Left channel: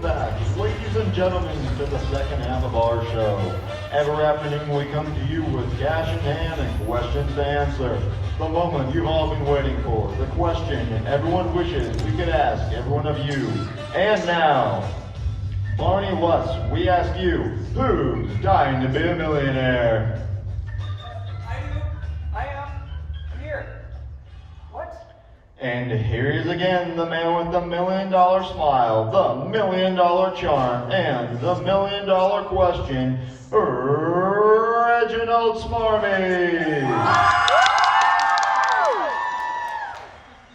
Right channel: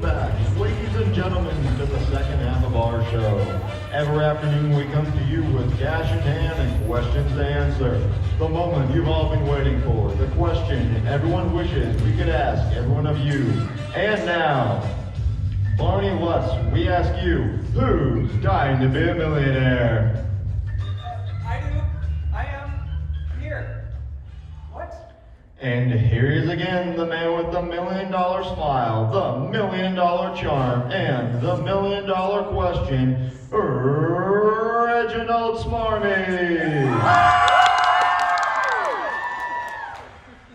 Welcome back, ladies and gentlemen, to the second half of our show. Every afternoon we come to you with cash in hand and questions to answer. The moment you've all been waiting for, the question everyone wishes we could ask every one of you. And now, Barney Watts, we ask you, who's dying to be a millionaire? I do. I am. I'm here. What? And here he is again, the man with the $1 million smile, the $1 million charm, and the $1 million question, Reginald Smarmy.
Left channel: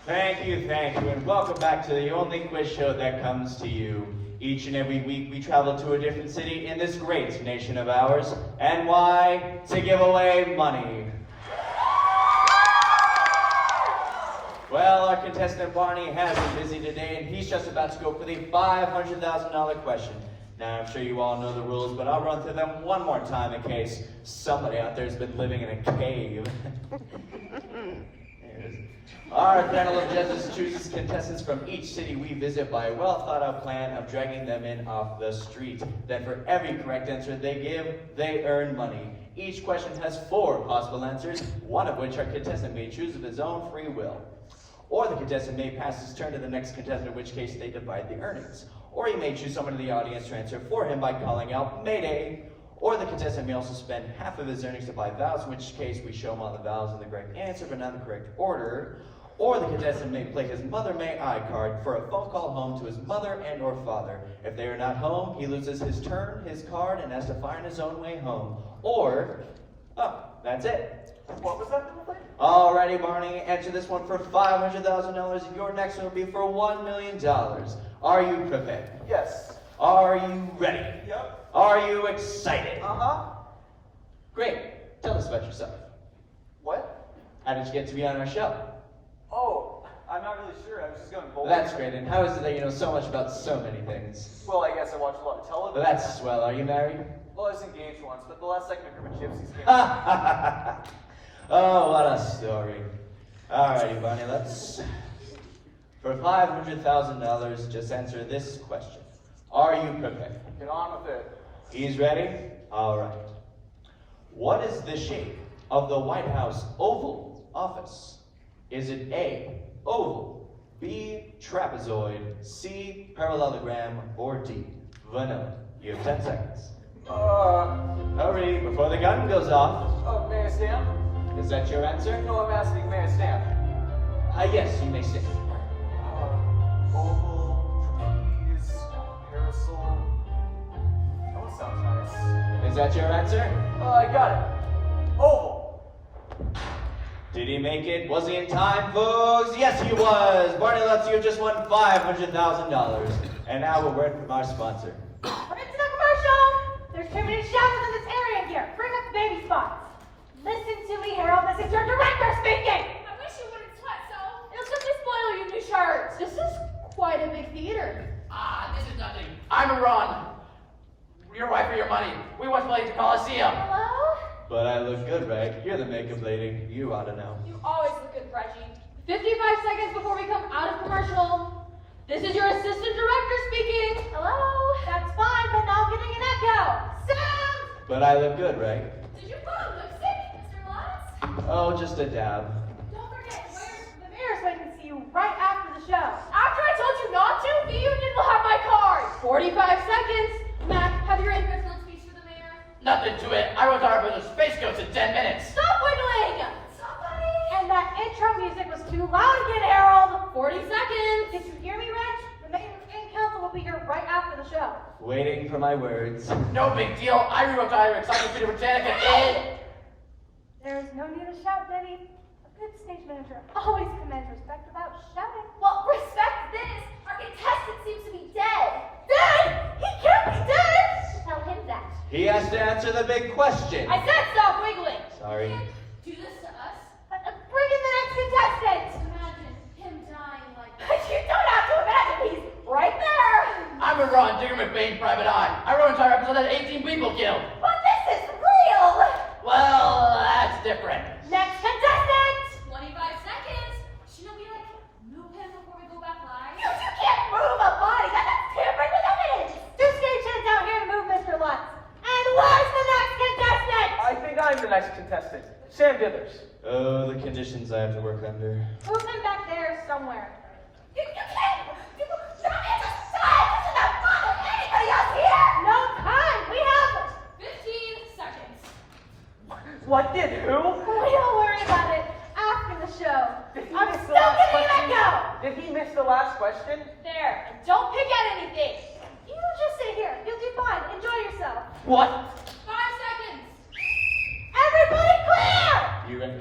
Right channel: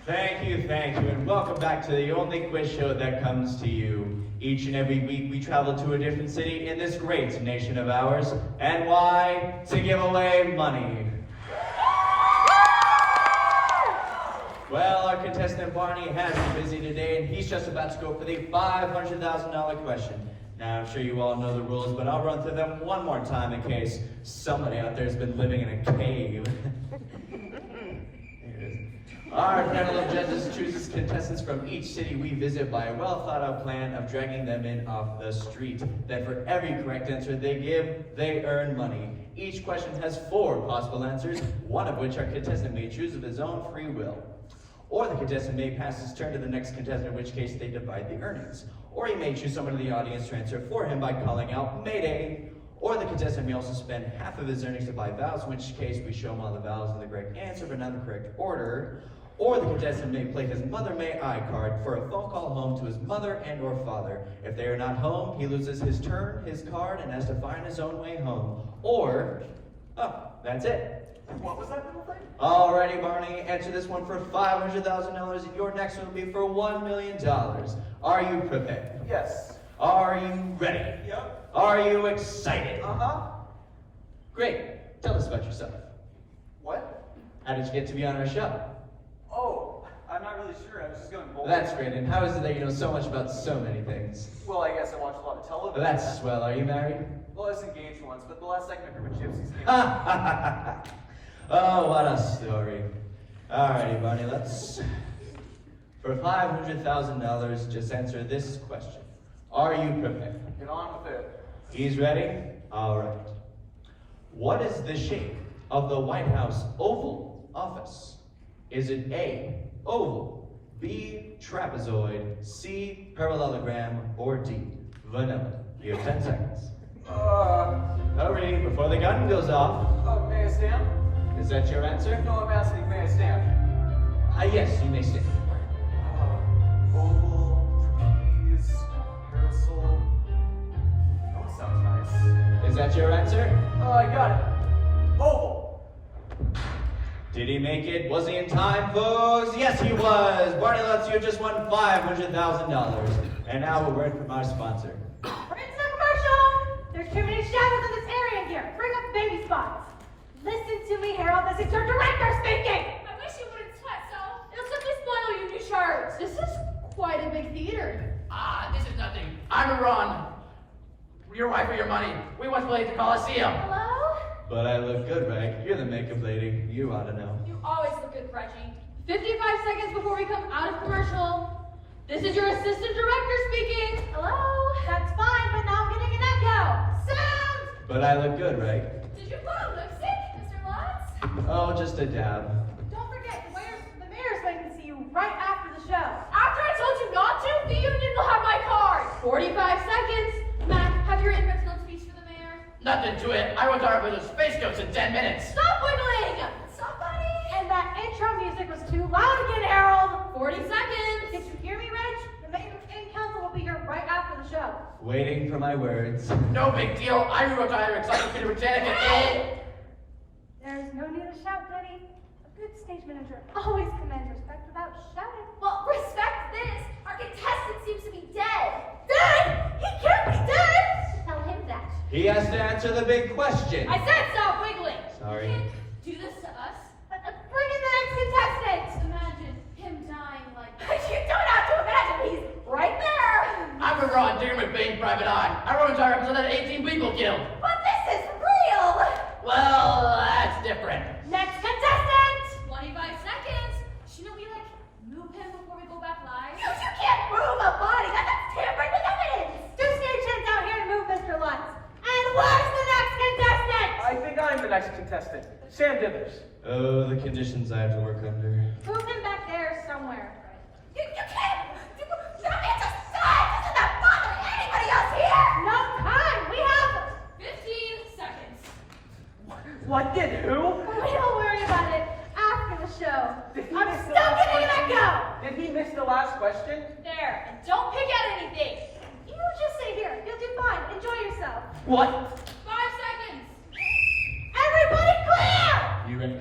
Thank you, and welcome back to the only quiz show that comes to you. Each and every week we travel to a different city in this great nation of ours. And why? To give away money. Well, our contestant Barney has been busy today, and he's just about to go for the $500,000 question. Now, I'm sure you all know the rules, but I'll run through them one more time in case somebody out there has been living in a cave. Our panel of judges chooses contestants from each city we visit by a well-thought-out plan of dragging them in off the street. Then for every correct answer they give, they earn money. Each question has 4 possible answers, one of which our contestant may choose of his own free will. Or the contestant may pass his turn to the next contestant, in which case they divide the earnings. Or he may choose someone in the audience to answer for him by calling out Mayday. Or the contestant may also spend half of his earnings to buy vowels, in which case we show him all the vowels in the correct answer but not in the correct order. Or the contestant may play his Mother May I card for a phone call home to his mother and or father. If they are not home, he loses his turn, his card, and has to find his own way home. Or, that's it. What was that? Alrighty, Barney, answer this one for $500,000, and your next one will be for $1 million. Are you prepared? Yes. Are you ready? Yep. Are you excited? Uh-huh. Great. Tell us about yourself. What? How did you get to be on our show? Oh, I'm not really sure. I was just going bowling. That's great. And how is it that you know so much about so many things? Well, I guess I watch a lot of television. That's swell. Are you married? Well, I was engaged once, but the last second I heard my gypsies came. Oh, what a story. Alrighty, Barney, let's... For $500,000, just answer this question. Are you prepared? Get on with it. He's ready? Alright. What is the shape of the White House Oval Office? Is it A, oval, B, trapezoid, C, parallelogram, or D, vanilla? You have 10 seconds. Hurry, before the gun goes off. Oh, may I stand? Is that your answer? No, I'm asking, may I stand? Yes, you may stand. Oval, trapeze, parasol. Oh, sounds nice. Is that your answer? I got it. Oval. Did he make it? Was he in time, folks? Yes, he was. Barney Lutz, you just won $500,000. And now a word from our sponsor. It's a commercial! There's too many showers in this area here. Bring up the baby spots. Listen to me, Harold. This is your director speaking! I wish you wouldn't sweat so. It'll simply spoil your new shirts. This is quite a big theater. This is nothing. I'm Iran. Your wife for your money. We once played at the Coliseum. Hello? But I look good, right? You're the makeup lady. You ought to know. You always look good, Reggie. 55 seconds before we come out of commercial. This is your assistant director speaking. Hello? That's fine, but now I'm getting an echo. Sound! But I look good, right? Did you put on lipstick, Mr. Lutz? Oh, just a dab. Don't forget, the mayor's waiting to see you right after the show. After I told you not to, the union will have my card. 45 seconds. Mac, have your introduction speech for the mayor. Nothing to it. I wrote our village space coats in 10 minutes. Stop wiggling! Somebody! And that intro music was too loud again, Harold. 40 seconds. Did you hear me, Reg? The mayor and council will be here right after the show. Waiting for my words. No big deal. I rewrote our Encyclopedia Britannica in... There's no need to shout, Denny. A good stage manager always commands respect without shouting. Well, respect this. Our contestant seems to be dead. Dead? He can't be dead! Tell him that. He has to answer the big question. I said stop wiggling. Sorry. You can't do this to us. Bring in the next contestant. Imagine him dying like You don't have to imagine, he's right there. I'm Iran, Digger McBain, Private Eye. I wrote an entire episode that had 18 people killed. But this is real. Well, that's different. Next contestant. 25 seconds. Shouldn't we move him before we go back live? You can't move a body. That's tampering with evidence. next contestant, Sam Dithers. Oh, the conditions I have to work under. Move him back there somewhere. You can't! That man's a son! Doesn't have father! Anybody else here? No time! We have 15 seconds. What did who? Don't worry about it. After the show. Did he I'm miss still the last gonna let question? go! Did he miss the last question? There. And don't pick at anything. You just sit here. You'll do fine. Enjoy yourself. What? 5 seconds. Everybody clear! You ready?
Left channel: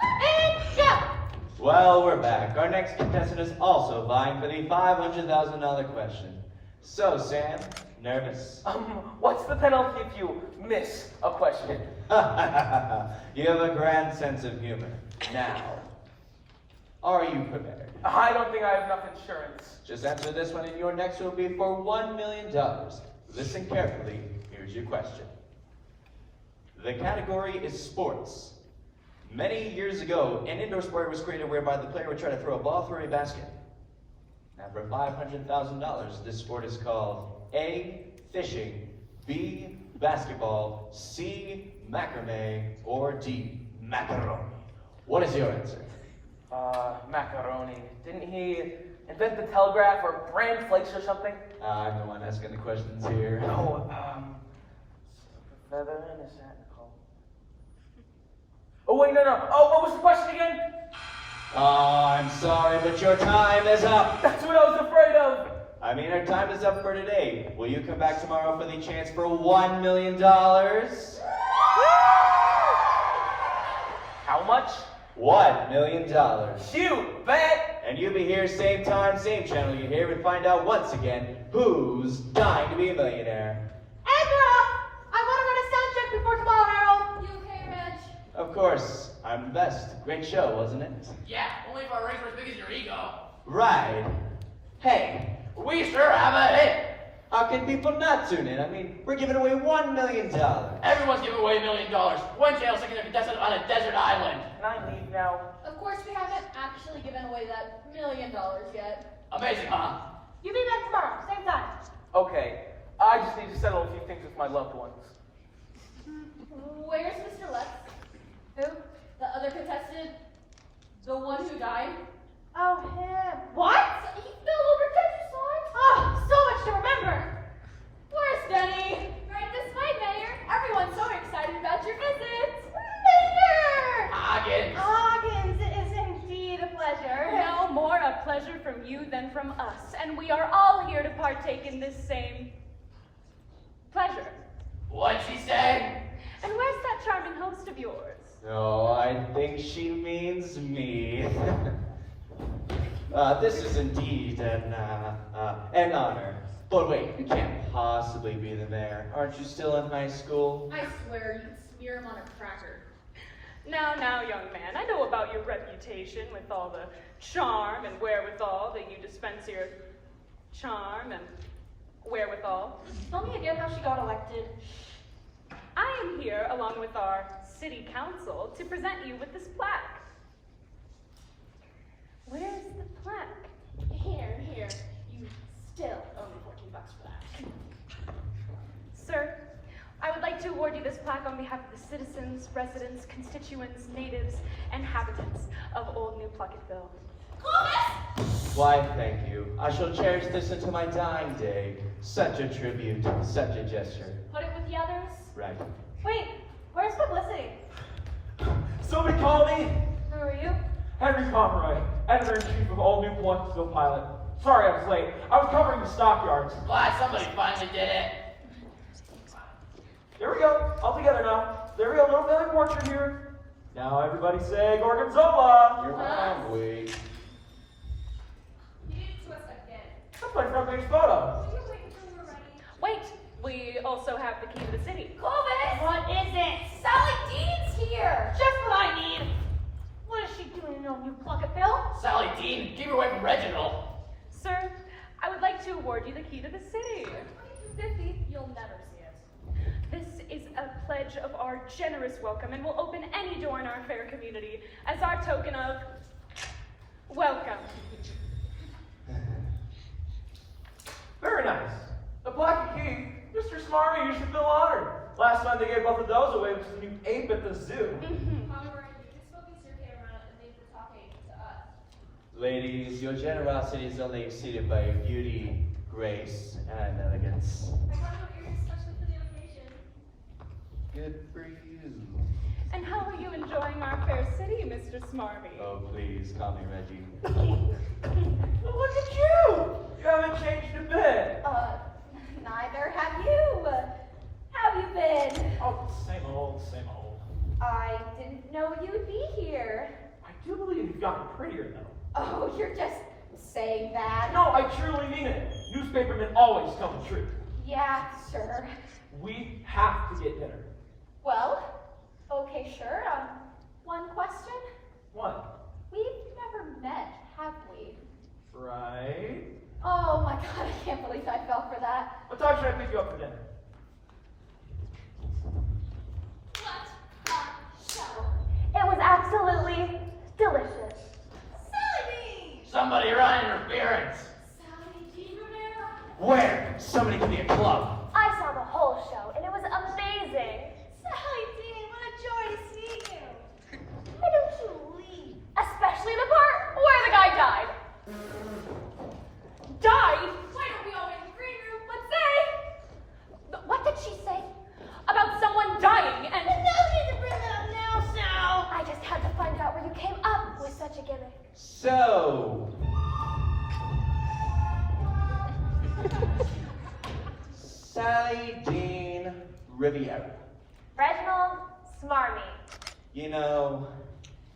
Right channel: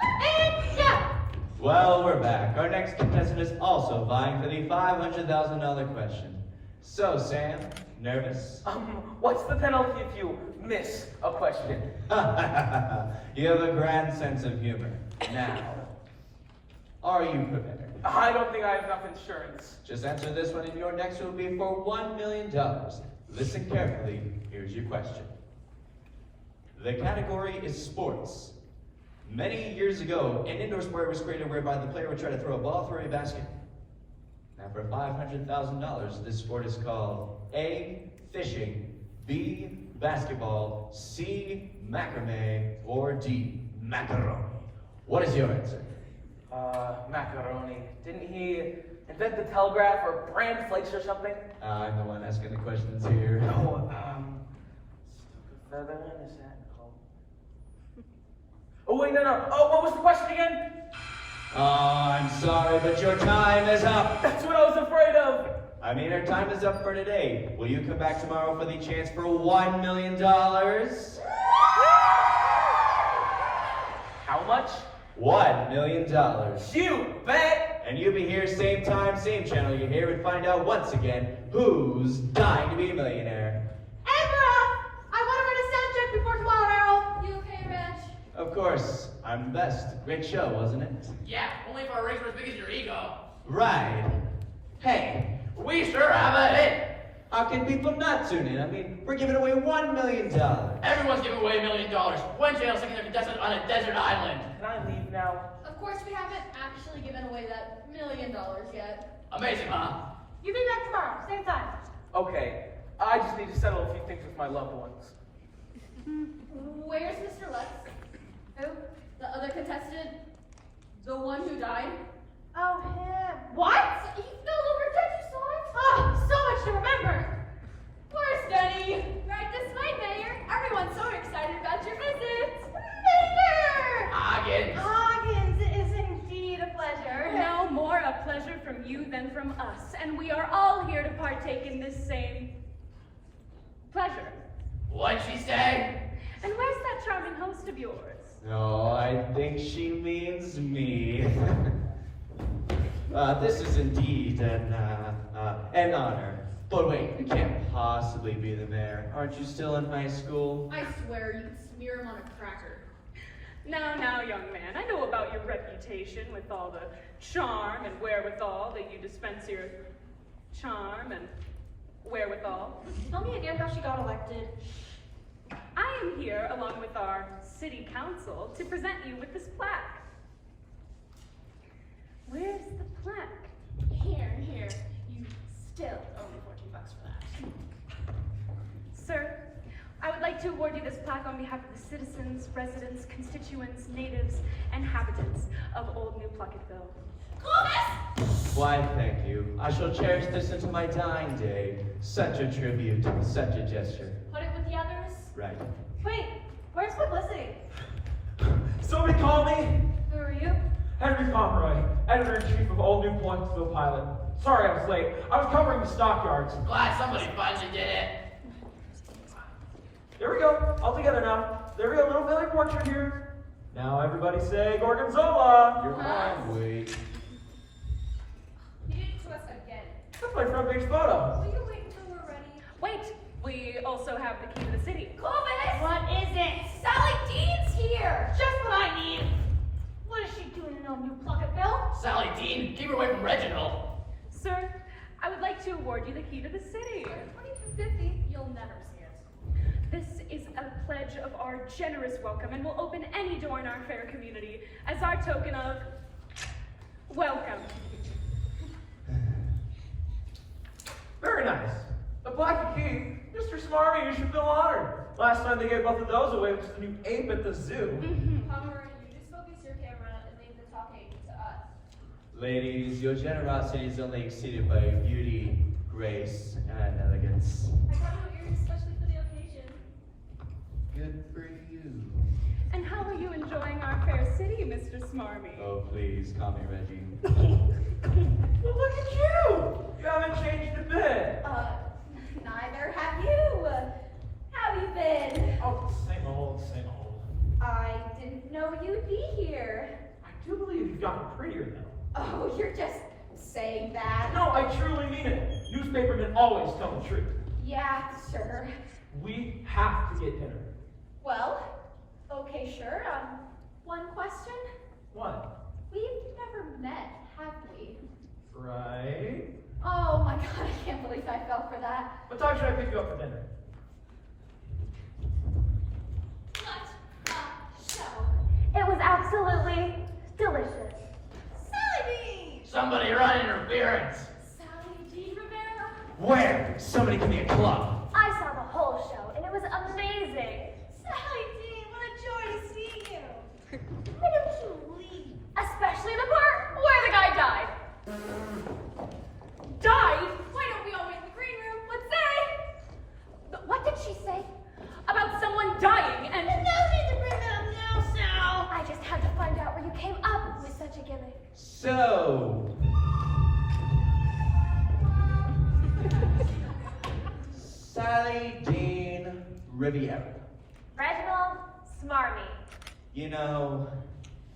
And go! Well, we're back. Our next contestant is also vying for the $500,000 question. So, Sam, nervous? What's the penalty if you miss a question? You have a grand sense of humor. Now, are you prepared? I don't think I have enough insurance. Just answer this one, and your next will be for $1 million. Listen carefully. Here's your question. The category is sports. Many years ago, an indoor sport was created whereby the player would try to throw a ball through a basket. And for $500,000, this sport is called A, fishing, B, basketball, C, macrame, or D, macaroni. What is your answer? Macaroni. Didn't he invent the telegraph or brand flakes or something? I'm the one asking the questions here. Oh, feather in his hat. Oh, wait, no. Oh, what was the question again? Oh, I'm sorry, but your time is up. That's what I was afraid of. I mean, our time is up for today. Will you come back tomorrow for the chance for $1 million? How much? $1 million. You bet. And you'll be here same time, same channel. You hear and find out once again who's dying to be a millionaire. And we're off! I want to run a sound check before tomorrow, Harold. You okay, Reg? Of course, I'm the best. Great show, wasn't it? Yeah, only if our rings were as big as your ego. Right. Hey, We sure have a hit. how can people not tune in? I mean, we're giving away $1 million. Everyone's giving away $1 million. One channel's taking a contestant on a desert island. Can I leave now? Of course, we haven't actually given away that $1 million yet. Amazing, huh? You be back tomorrow, same time. Okay, I just need to settle a few things with my loved ones. Where's Mr. Lex? Who? The other contestant? The one who died? Oh, him. What? He fell over, did you saw it? Oh, so much to remember. Where's Denny? Right this way, Mayor. Everyone's so excited about your visit. Mayor! Hoggins. Hoggins, it is indeed a pleasure. No more a pleasure from you than from us, and we are all here to partake in this same pleasure. What'd she say? And where's that charming host of yours? No, I think she means me. This is indeed an honor. But wait, you can't possibly be the mayor. Aren't you still in high school? I swear you'd smear him on a cracker. Now, young man, I know about your reputation with all the charm and wherewithal that you dispense your charm and wherewithal. Tell me again how she got elected. I am here, along with our city council, to present you with this plaque. Where's the plaque? Here. You still owe me $14 for that. Sir, I would like to award you this plaque on behalf of the citizens, residents, constituents, natives, and inhabitants of Old New Plunkettville. Clovis! Why, thank you. I shall cherish this until my dying day. Such a tribute, such a gesture. Put it with the others. Right. Wait, where's publicity? Somebody call me. Who are you? Henry Pomeroy, editor-in-chief of Old New Plunkettville Pilot. Sorry I was late. I was covering the stockyards. Glad somebody finally did it. There we go. All together now. There we go. Little family portrait here. Now everybody say Gorgonzola. You're wrong, He did it to us again. That's my front page photo. Will you wait until we're ready? Wait, we also have the key to the city. Clovis! What is it? Sally Dean's here! Just what I need. What is she doing in Old New Plunkettville? Sally Dean, keep her away from Reginald. Sir, I would like to award you the key to the city. For $22.50, you'll never see it. This is a pledge of our generous welcome and will open any door in our fair community as our token of welcome. Very nice. A blackie key. Mr. Smarmy, you should feel honored. Last time they gave both of those away was the new ape at the zoo. However, you just focus your camera and leave the talking to us. Ladies, your generosity is only exceeded by beauty, grace, and elegance. I got new ears especially for the occasion. Good for you. And how are you enjoying our fair city, Mr. Smarmy? Oh, please, call me Reggie. Well, look at you! You haven't changed a bit. Neither have you. How you been? Oh, same old, same old. I didn't know you'd be here. I do believe you've gotten prettier, though. Oh, you're just saying that. No, I truly mean it. Newspapermen always tell the truth. Yeah, sure. We have to get dinner. Well, okay, sure. One question. What? We've never met, have we? Right? Oh my god, I can't believe I fell for that. What time should I pick you up for dinner? What a show. It was absolutely delicious. Sally Somebody run interference. Sally G. Rivera? Where? Somebody give me a club. I saw the whole show, and it was amazing. Sally G, what a joy to see you. Why don't you leave? Especially the part where the guy died. Died? Why don't we all wait in the green room? Let's say. What did she say? About someone dying and... No need to bring that up now, Sal. I just had to find out where you came up with such a gimmick. So, Sally Jean Riviera. Reginald Smarmy. You know,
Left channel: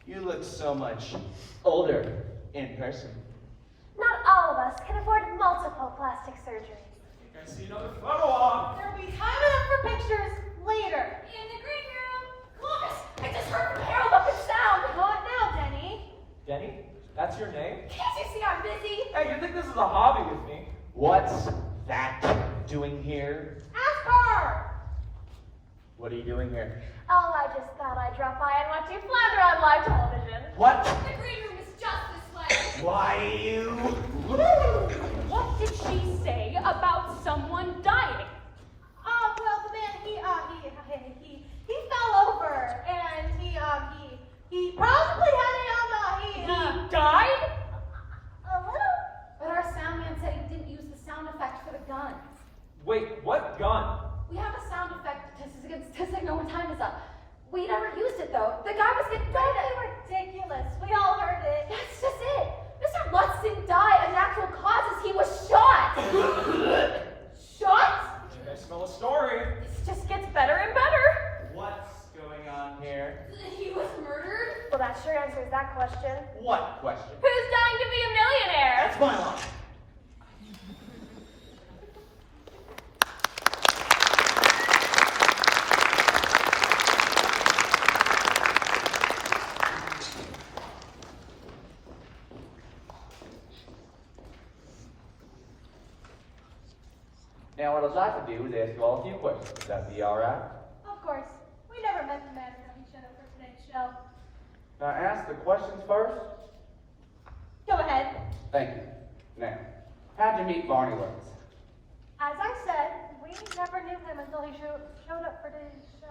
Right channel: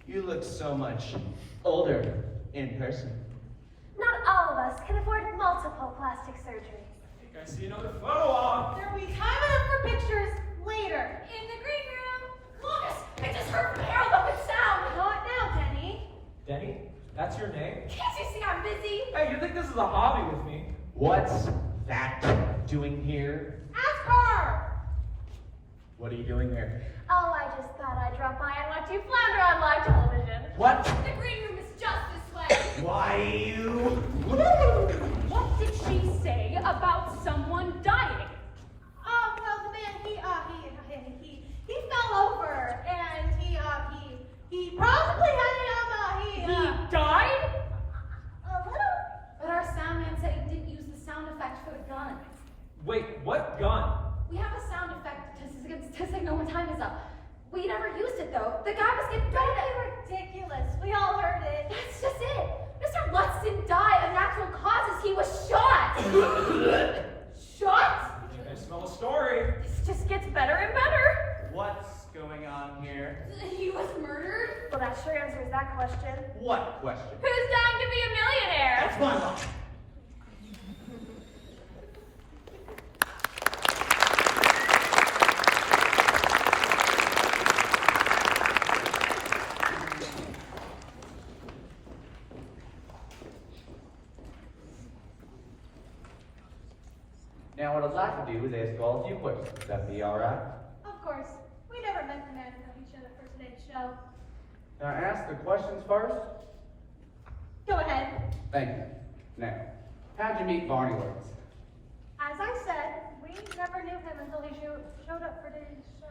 you look so much older in person. Not all of us can afford multiple plastic surgeries. I think I see another photo op. There'll be time enough for pictures later. In the green room. Clovis, I just heard from Harold up in sound. Not now, Denny. Denny? That's your name? Can't you see I'm busy? Hey, you think this is a hobby with me? What's that doing here? Ask her. What are you doing here? Oh, I just thought I'd drop by and watch you flounder on live television. What? The green room is just this way. Why you? What did she say about someone dying? Oh, well, the man, he fell over, and he probably He died? a little. But our sound man said he didn't use the sound effect for the gun. Wait, what gun? We have a sound effect to signal when time is up. We never used it though. The guy was getting ready to... ridiculous. We all heard it. That's just it. Mr. Lutz didn't die of natural causes. He was shot. Shot? I smell a story. This just gets better and better. What's going on here? He was murdered? Well, that sure answers that question. What question? Who's dying to be a millionaire? That's my line. Now what I'd like to do is ask you all a few questions. Would that be alright? Of course. We never meant to imagine of each other for today's show. Can I ask the questions first? Go ahead. Thank you. Now, how'd you meet Barney Lawrence? As I said, we never knew him until he showed up for today's show.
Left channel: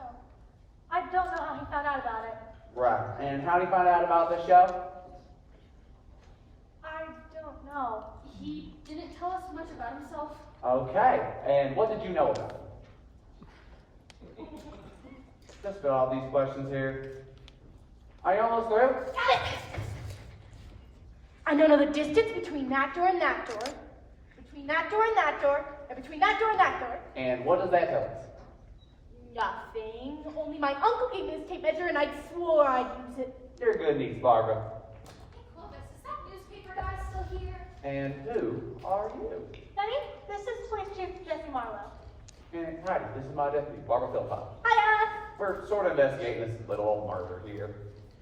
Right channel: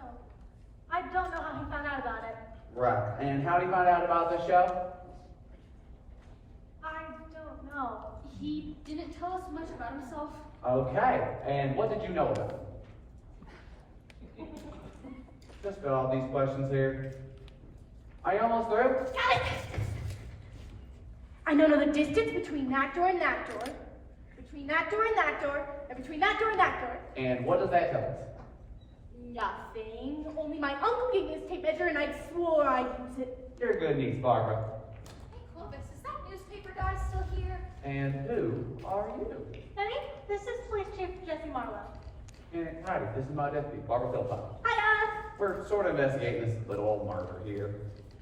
I don't know how he found out about it. Right. And how did you find out about the show? I don't know. He didn't tell us much about himself. Okay. And what did you know about him? Just fill out these questions here. Are you almost through? Got it! I don't know the distance between that door and that door, between that door and that door, and between that door and that door. And what does that tell us? Nothing. Only my uncle gave me this tape measure and I swore I'd use it. You're a good niece, Barbara. Hey, Clovis, is that newspaper guy still here? And who are you? Benny, this is Police Chief Jesse Marlowe. And howdy, this is my deputy, Barbara Philpott. Hi, We're sort of investigating this little old murder here.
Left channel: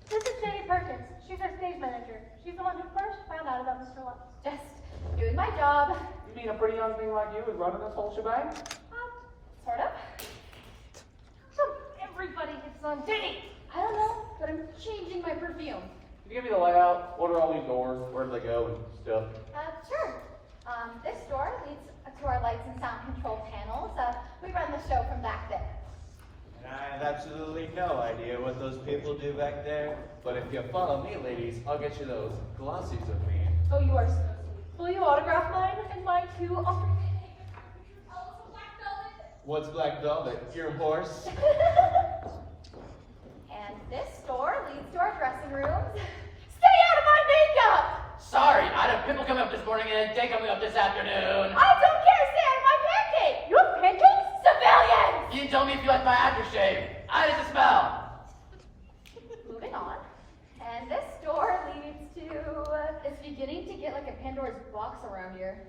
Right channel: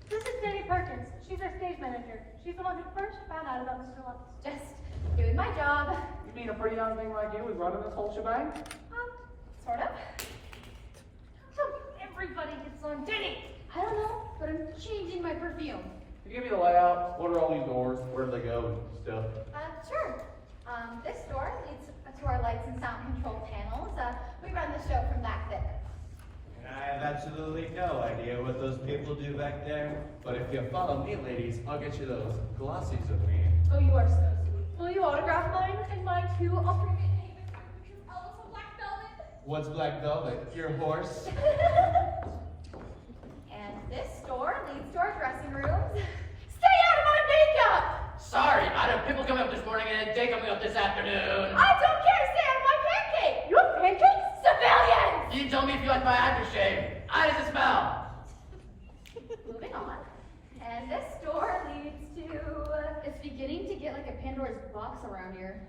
This is Katie Perkins. She's our stage manager. She's the one who first found out about Mr. Lutz. Just doing my job. You mean a pretty young thing like you is running this whole shebang? Sort of. How come everybody gets on Denny? I don't know, but I'm changing my perfume. Can you give me the layout? What are all these doors? Where do they go? Stuff. Sure. This door leads to our lights and sound control panels. We run the show from back there. I have absolutely no idea what those people do back there, but if you follow me, ladies, I'll get you those glossies of me. Oh, you are so sweet. Will you autograph mine and mine too? I'll bring it and hang it here because I love some black velvet. What's black velvet? Your horse? And this door leads to our dressing rooms. Stay out of my makeup! Sorry, I had people coming up this morning and a day coming up this afternoon. I don't care, stay out of my pancake! You have pancakes? Civilians! You told me if you liked my aftershave. How does it smell? Moving on. And this door leads to... It's beginning to get like a Pandora's box around here.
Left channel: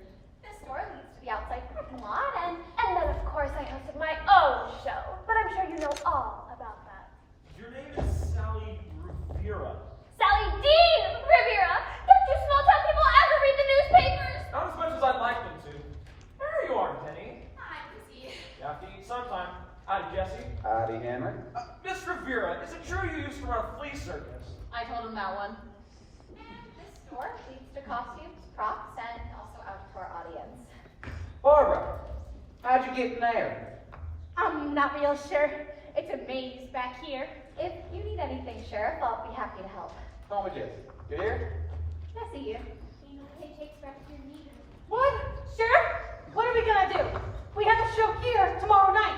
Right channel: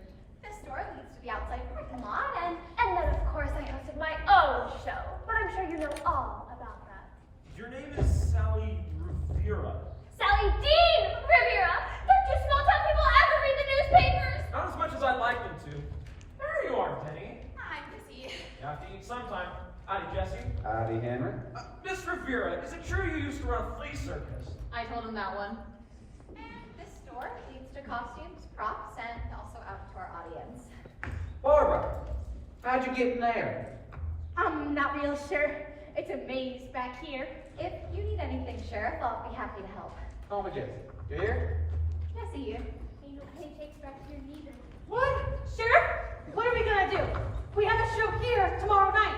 This door leads to the outside parking lot, and then of course I hosted my own show. But I'm sure you know all about that. Your name is Sally Rivera. Sally Dean Rivera! Don't you small town people ever read the newspapers? Not as much as I'd like them to. There you are, Denny. I'm busy. You have to eat sometime. Howdy, Jesse. Howdy, Henry. Miss Rivera, is it true you used to run a flea circus? I told him that one. And this door leads to costumes, props, and also out to our audience. Barbara, how'd you get in there? I'm not real sure. It's a maze back here. If you need anything, Sheriff, I'll be happy to help. Home with Jesse. You here? I see you. Ain't no paychecks back here neither. What? Sheriff? What are we gonna do? We have a show here tomorrow night.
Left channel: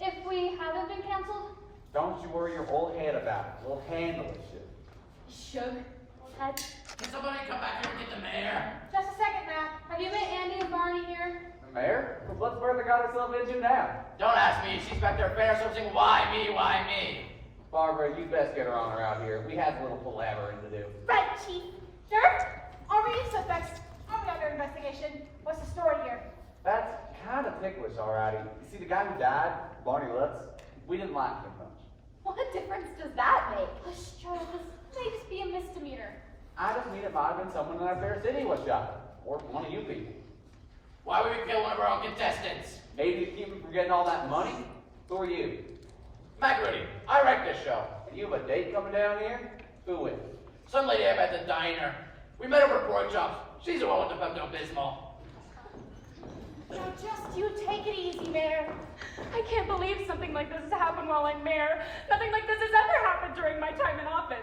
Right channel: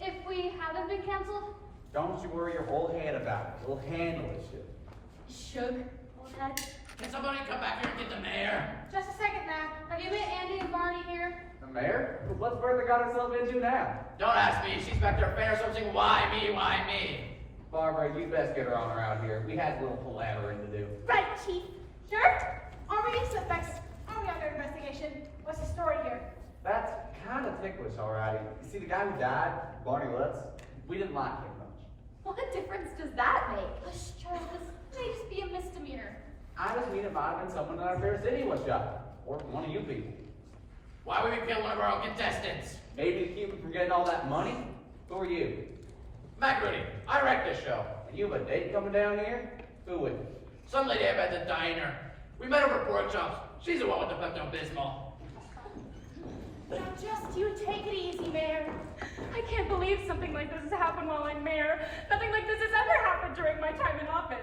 If we haven't been canceled? Don't you worry your old head about it. We'll handle this shit. Shook. Old head. Can somebody come back here and get the mayor? Just a second, Mac. Have you met Andy and Barney here? The mayor? What's where we got ourselves into now? Don't ask me. She's back there paying herself saying, why me, why me? Barbara, you best get her on around here. We have a little palavering to do. Right, Chief. Sheriff, are we suspects on the other investigation? What's the story here? That's kind of ticklish, alrighty. You see, the guy who died, Barney Lutz, we didn't like him much. What difference does that make? Hush, Charles. This may just be a misdemeanor. I just mean it might have been someone in our fair city was shot. Or one of you people. Why would we kill one of our own contestants? Maybe to keep him from getting all that money? Who are you? Mac Rudy, I wrecked this show. And you have a date coming down here? Who with? Some lady I met at the diner. We met over at pork chops. She's the one with the Pepto-Bismol. Now just you take it easy, Mayor. I can't believe something like this has happened while I'm mayor. Nothing like this has ever happened during my time in office.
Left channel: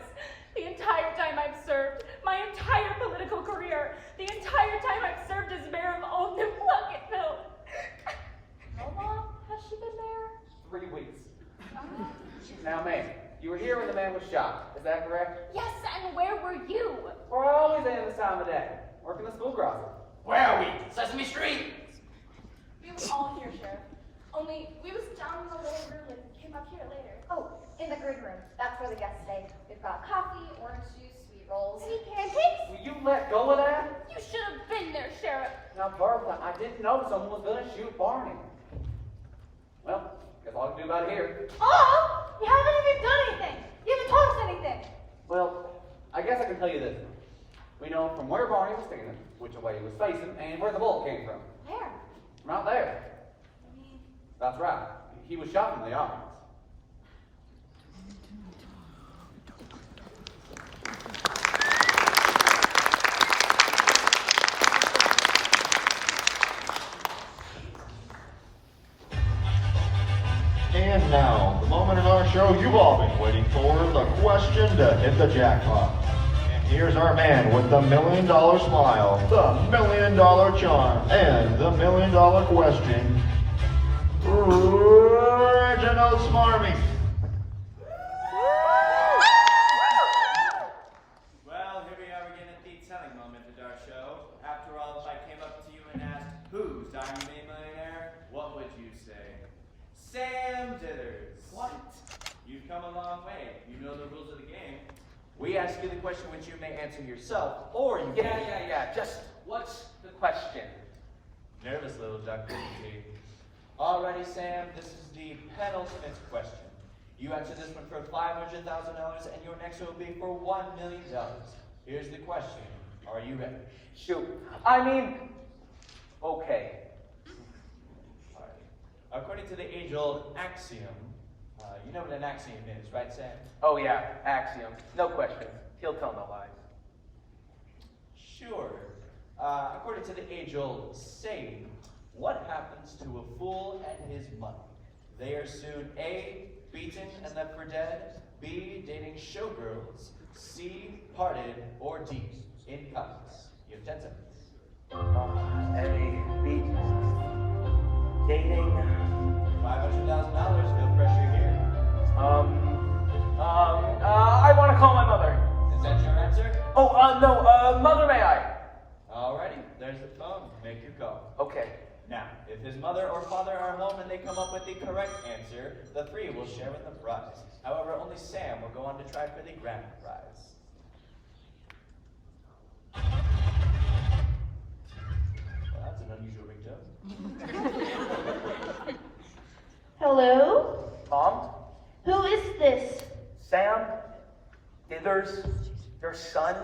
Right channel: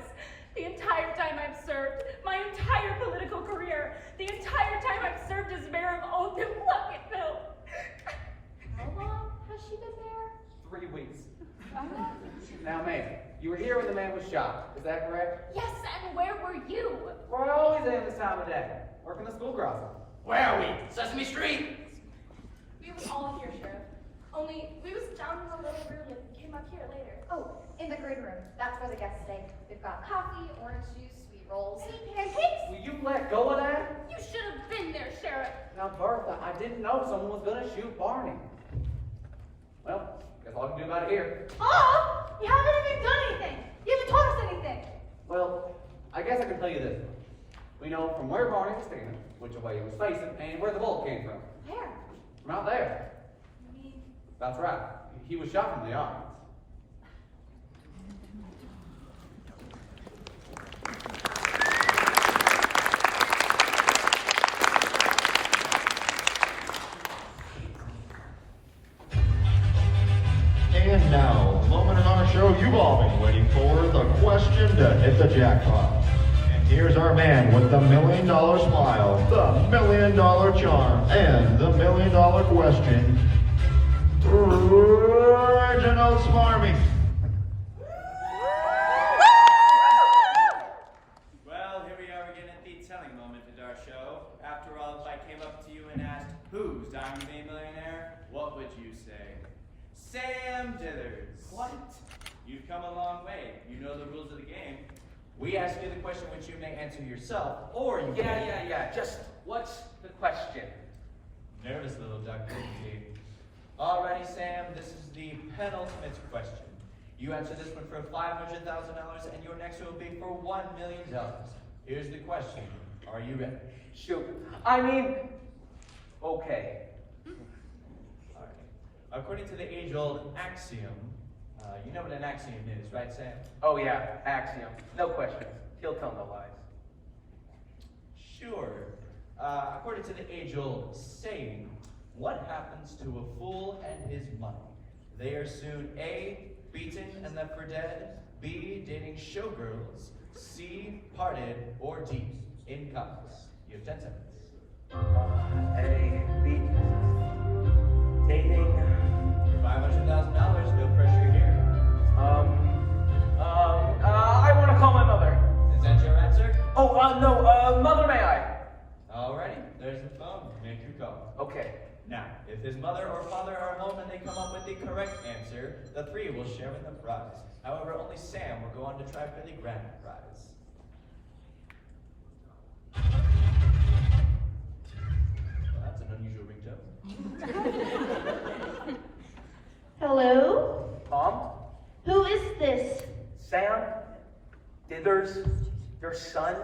The entire time I've served, my entire political career, the entire time I've served as mayor of Old New Plunkettville. How long has she been mayor? 3 weeks. Now, ma'am, you were here when the man was shot. Is that correct? Yes, and where were you? We're always in this time of day. Working the school crossing. Where are we? Sesame Street? We were all here, Sheriff. Only we was down in the little room and came up here later. Oh, in the green room. That's where the guests stay. We've got coffee, orange juice, sweet rolls. Any pancakes? Will you let go of that? You should have been there, Sheriff. Now, Bertha, I didn't know someone was going to shoot Barney. Well, guess all I can do about it here. Oh, you haven't even done anything. You haven't told us anything. Well, I guess I can tell you this. We know from where Barney was standing, which way he was facing, and where the bullet came from. Where? From out there. I mean, That's right. He was shot from the audience. And now, the moment in our show you've all been waiting for, the question to hit the jackpot. And here's our man with the $1 million smile, the $1 million charm, and the $1 million question, Reginald Smarmy. Well, here we are again at the telling moment of our show. After all, if I came up to you and asked, who's I'm your millionaire, what would you say? Sam Dithers. What? You've come a long way. You know the rules of the game. We ask you the question which you may answer yourself, or you Yeah. Just what's the question? Nervous little duck, didn't he? Alrighty, Sam, this is the penultimate question. You answer this one for $500,000, and your next one will be for $1 million. Here's the question. Are you ready? Shoot. I mean, okay. Alright. According to the age-old axiom, you know what an axiom is, right, Sam? Oh yeah, axiom. No questions. He'll tell no lies. Sure. According to the age-old saying, what happens to a fool and his money? They are soon A, beaten and left for dead? B, dating showgirls? C, parted? Or D, in cuffs? You have 10 seconds. A, B, dating. $500,000, no pressure here. I want to call my mother. Is that your answer? Oh, no, mother, may I? Alrighty, there's the phone. Make your call. Okay. Now, if his mother or father are home and they come up with the correct answer, the three will share in the prize. However, only Sam will go on to try for the grand prize. Well, that's an unusual ringtone. Hello? Mom? Who is this? Sam? Dithers? Your son?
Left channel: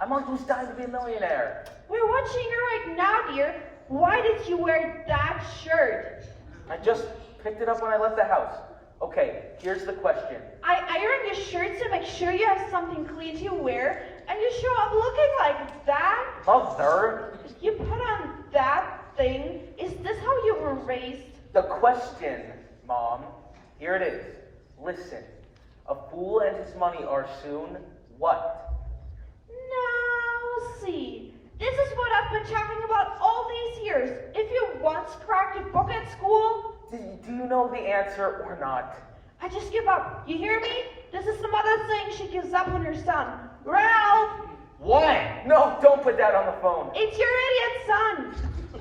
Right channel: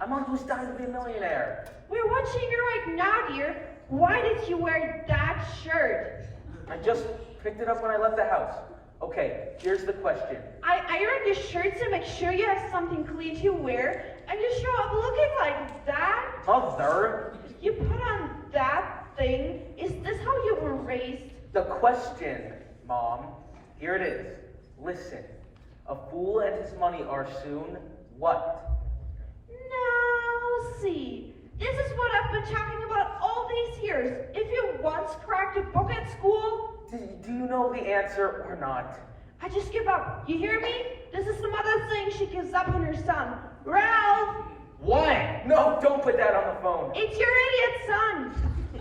I'm on Who's Dying to Be a Millionaire. We're watching you right now, dear. Why did you wear that shirt? I just picked it up when I left the house. Okay, here's the question. I ironed your shirt to make sure you have something clean to wear, and you show up looking like that? Mother? You put on that thing? Is this how you were raised? The question, Mom. Here it is. Listen. A fool and his money are soon what? Now, see. This is what I've been talking about all these years. If you once cracked a book at school... Do you know the answer or not? I just give up. You hear me? This is the mother saying she gives up on her son. Ralph! What? No, don't put that on the phone. It's your idiot son!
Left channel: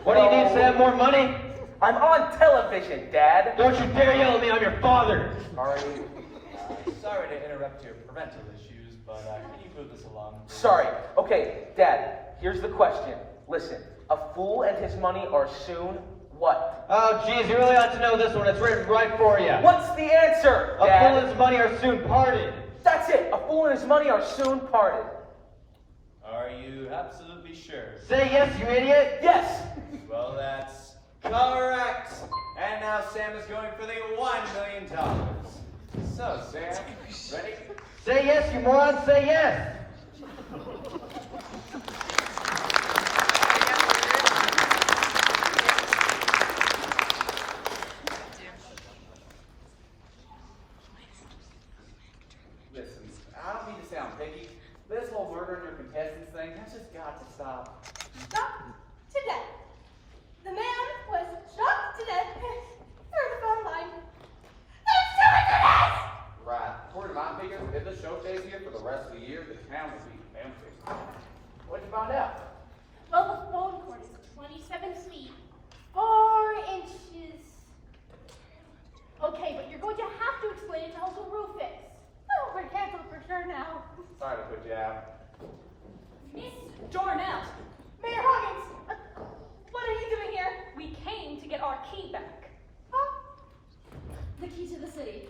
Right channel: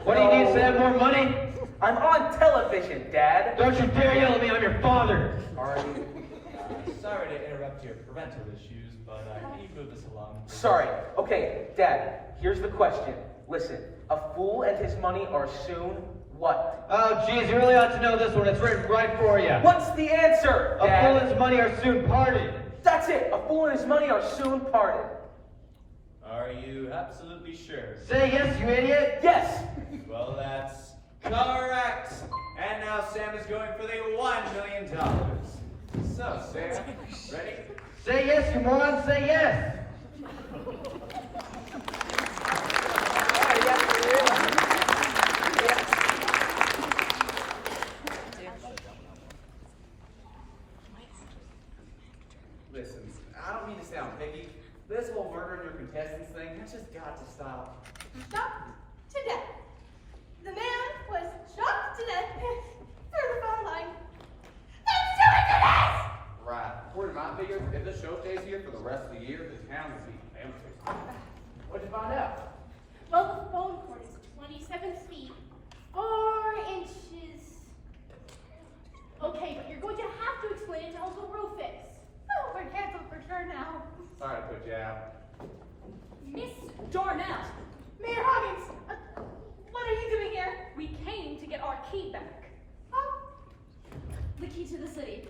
What do you need to have more money? I'm on television, Dad. Don't you dare yell at me, I'm your father! Sorry to interrupt your parental issues, but can you move this along? Sorry. Okay, Dad, here's the question. Listen, a fool and his money are soon what? Oh, geez, you really ought to know this one. It's written right for you. What's the answer, A Dad? fool and his money are soon parted. That's it. A fool and his money are soon parted. Are you absolutely sure? Say yes, you idiot. Yes. Well, that's correct. And now Sam is going for the $1 million. So, Sam, ready? Say yes, you moron, say yes! Listen, I don't mean to sound picky. This whole murdering your contestants thing, that's just got to stop. Shot to death. The man was shot to death through the phone line. That's ridiculous! Right. According to my figures, if this show stays here for the rest of the year, the town will be empty. What'd you find out? Well, the phone cord is 27 feet, 4 inches. Okay, but you're going to have to explain it to Uncle Rufus. Oh, I can't tell for sure now. Sorry to put you out. Miss Darnell, Mayor Hoggins, what are you doing here? we came to get our key back. Huh? The key to the city.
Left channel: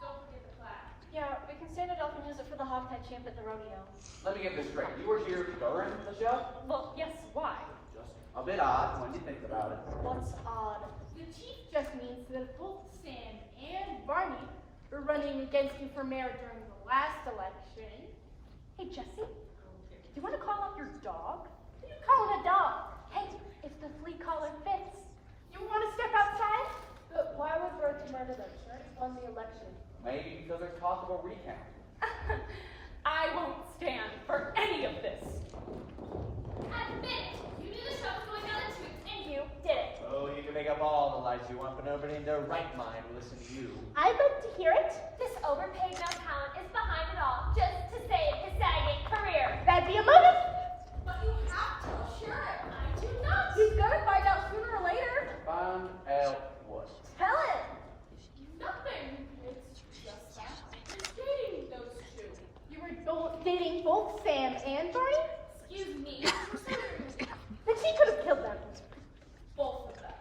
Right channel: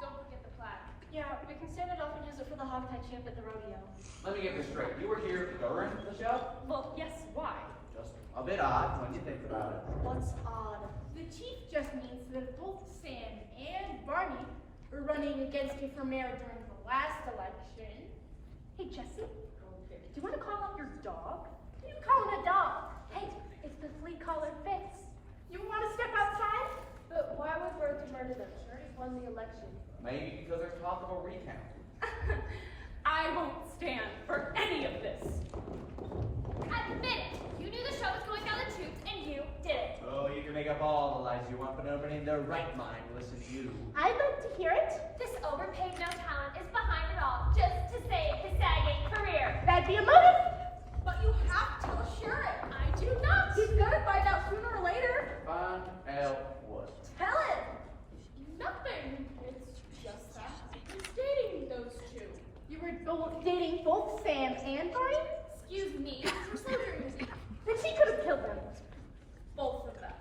Don't forget the plaque. Yeah, we can stand it off and use it for the hogtie champ at the rodeo. Let me get this straight. You were here during the show? Well, yes, why? Just a bit odd when you think about it. What's odd? The chief just means that both Sam and Barney were running against you for mayor during the last election. Hey, Jesse, do you want to call up your dog? Who you calling a dog? Hey, if the flea collar fits. You want to step outside? But why would Bertie murder them? Bertie won the election. Maybe because there's talk of a recount. I won't stand for any of this. Admit it. You knew the show was going down the tubes, and you did it. Oh, you can make up all the lies you want, but nobody in their right mind will listen to you. I'd love to hear it. This overpaid no talent is behind it all, just to save his sagging career. That'd be a motive. But you have to assure it. I do not. He's gonna find out sooner or later. Find out what? Tell him. Nothing. It's just that you're dating those two. You were both dating both Sam and Barney? Excuse me. You're so rude. Then she could have killed them. Both of them.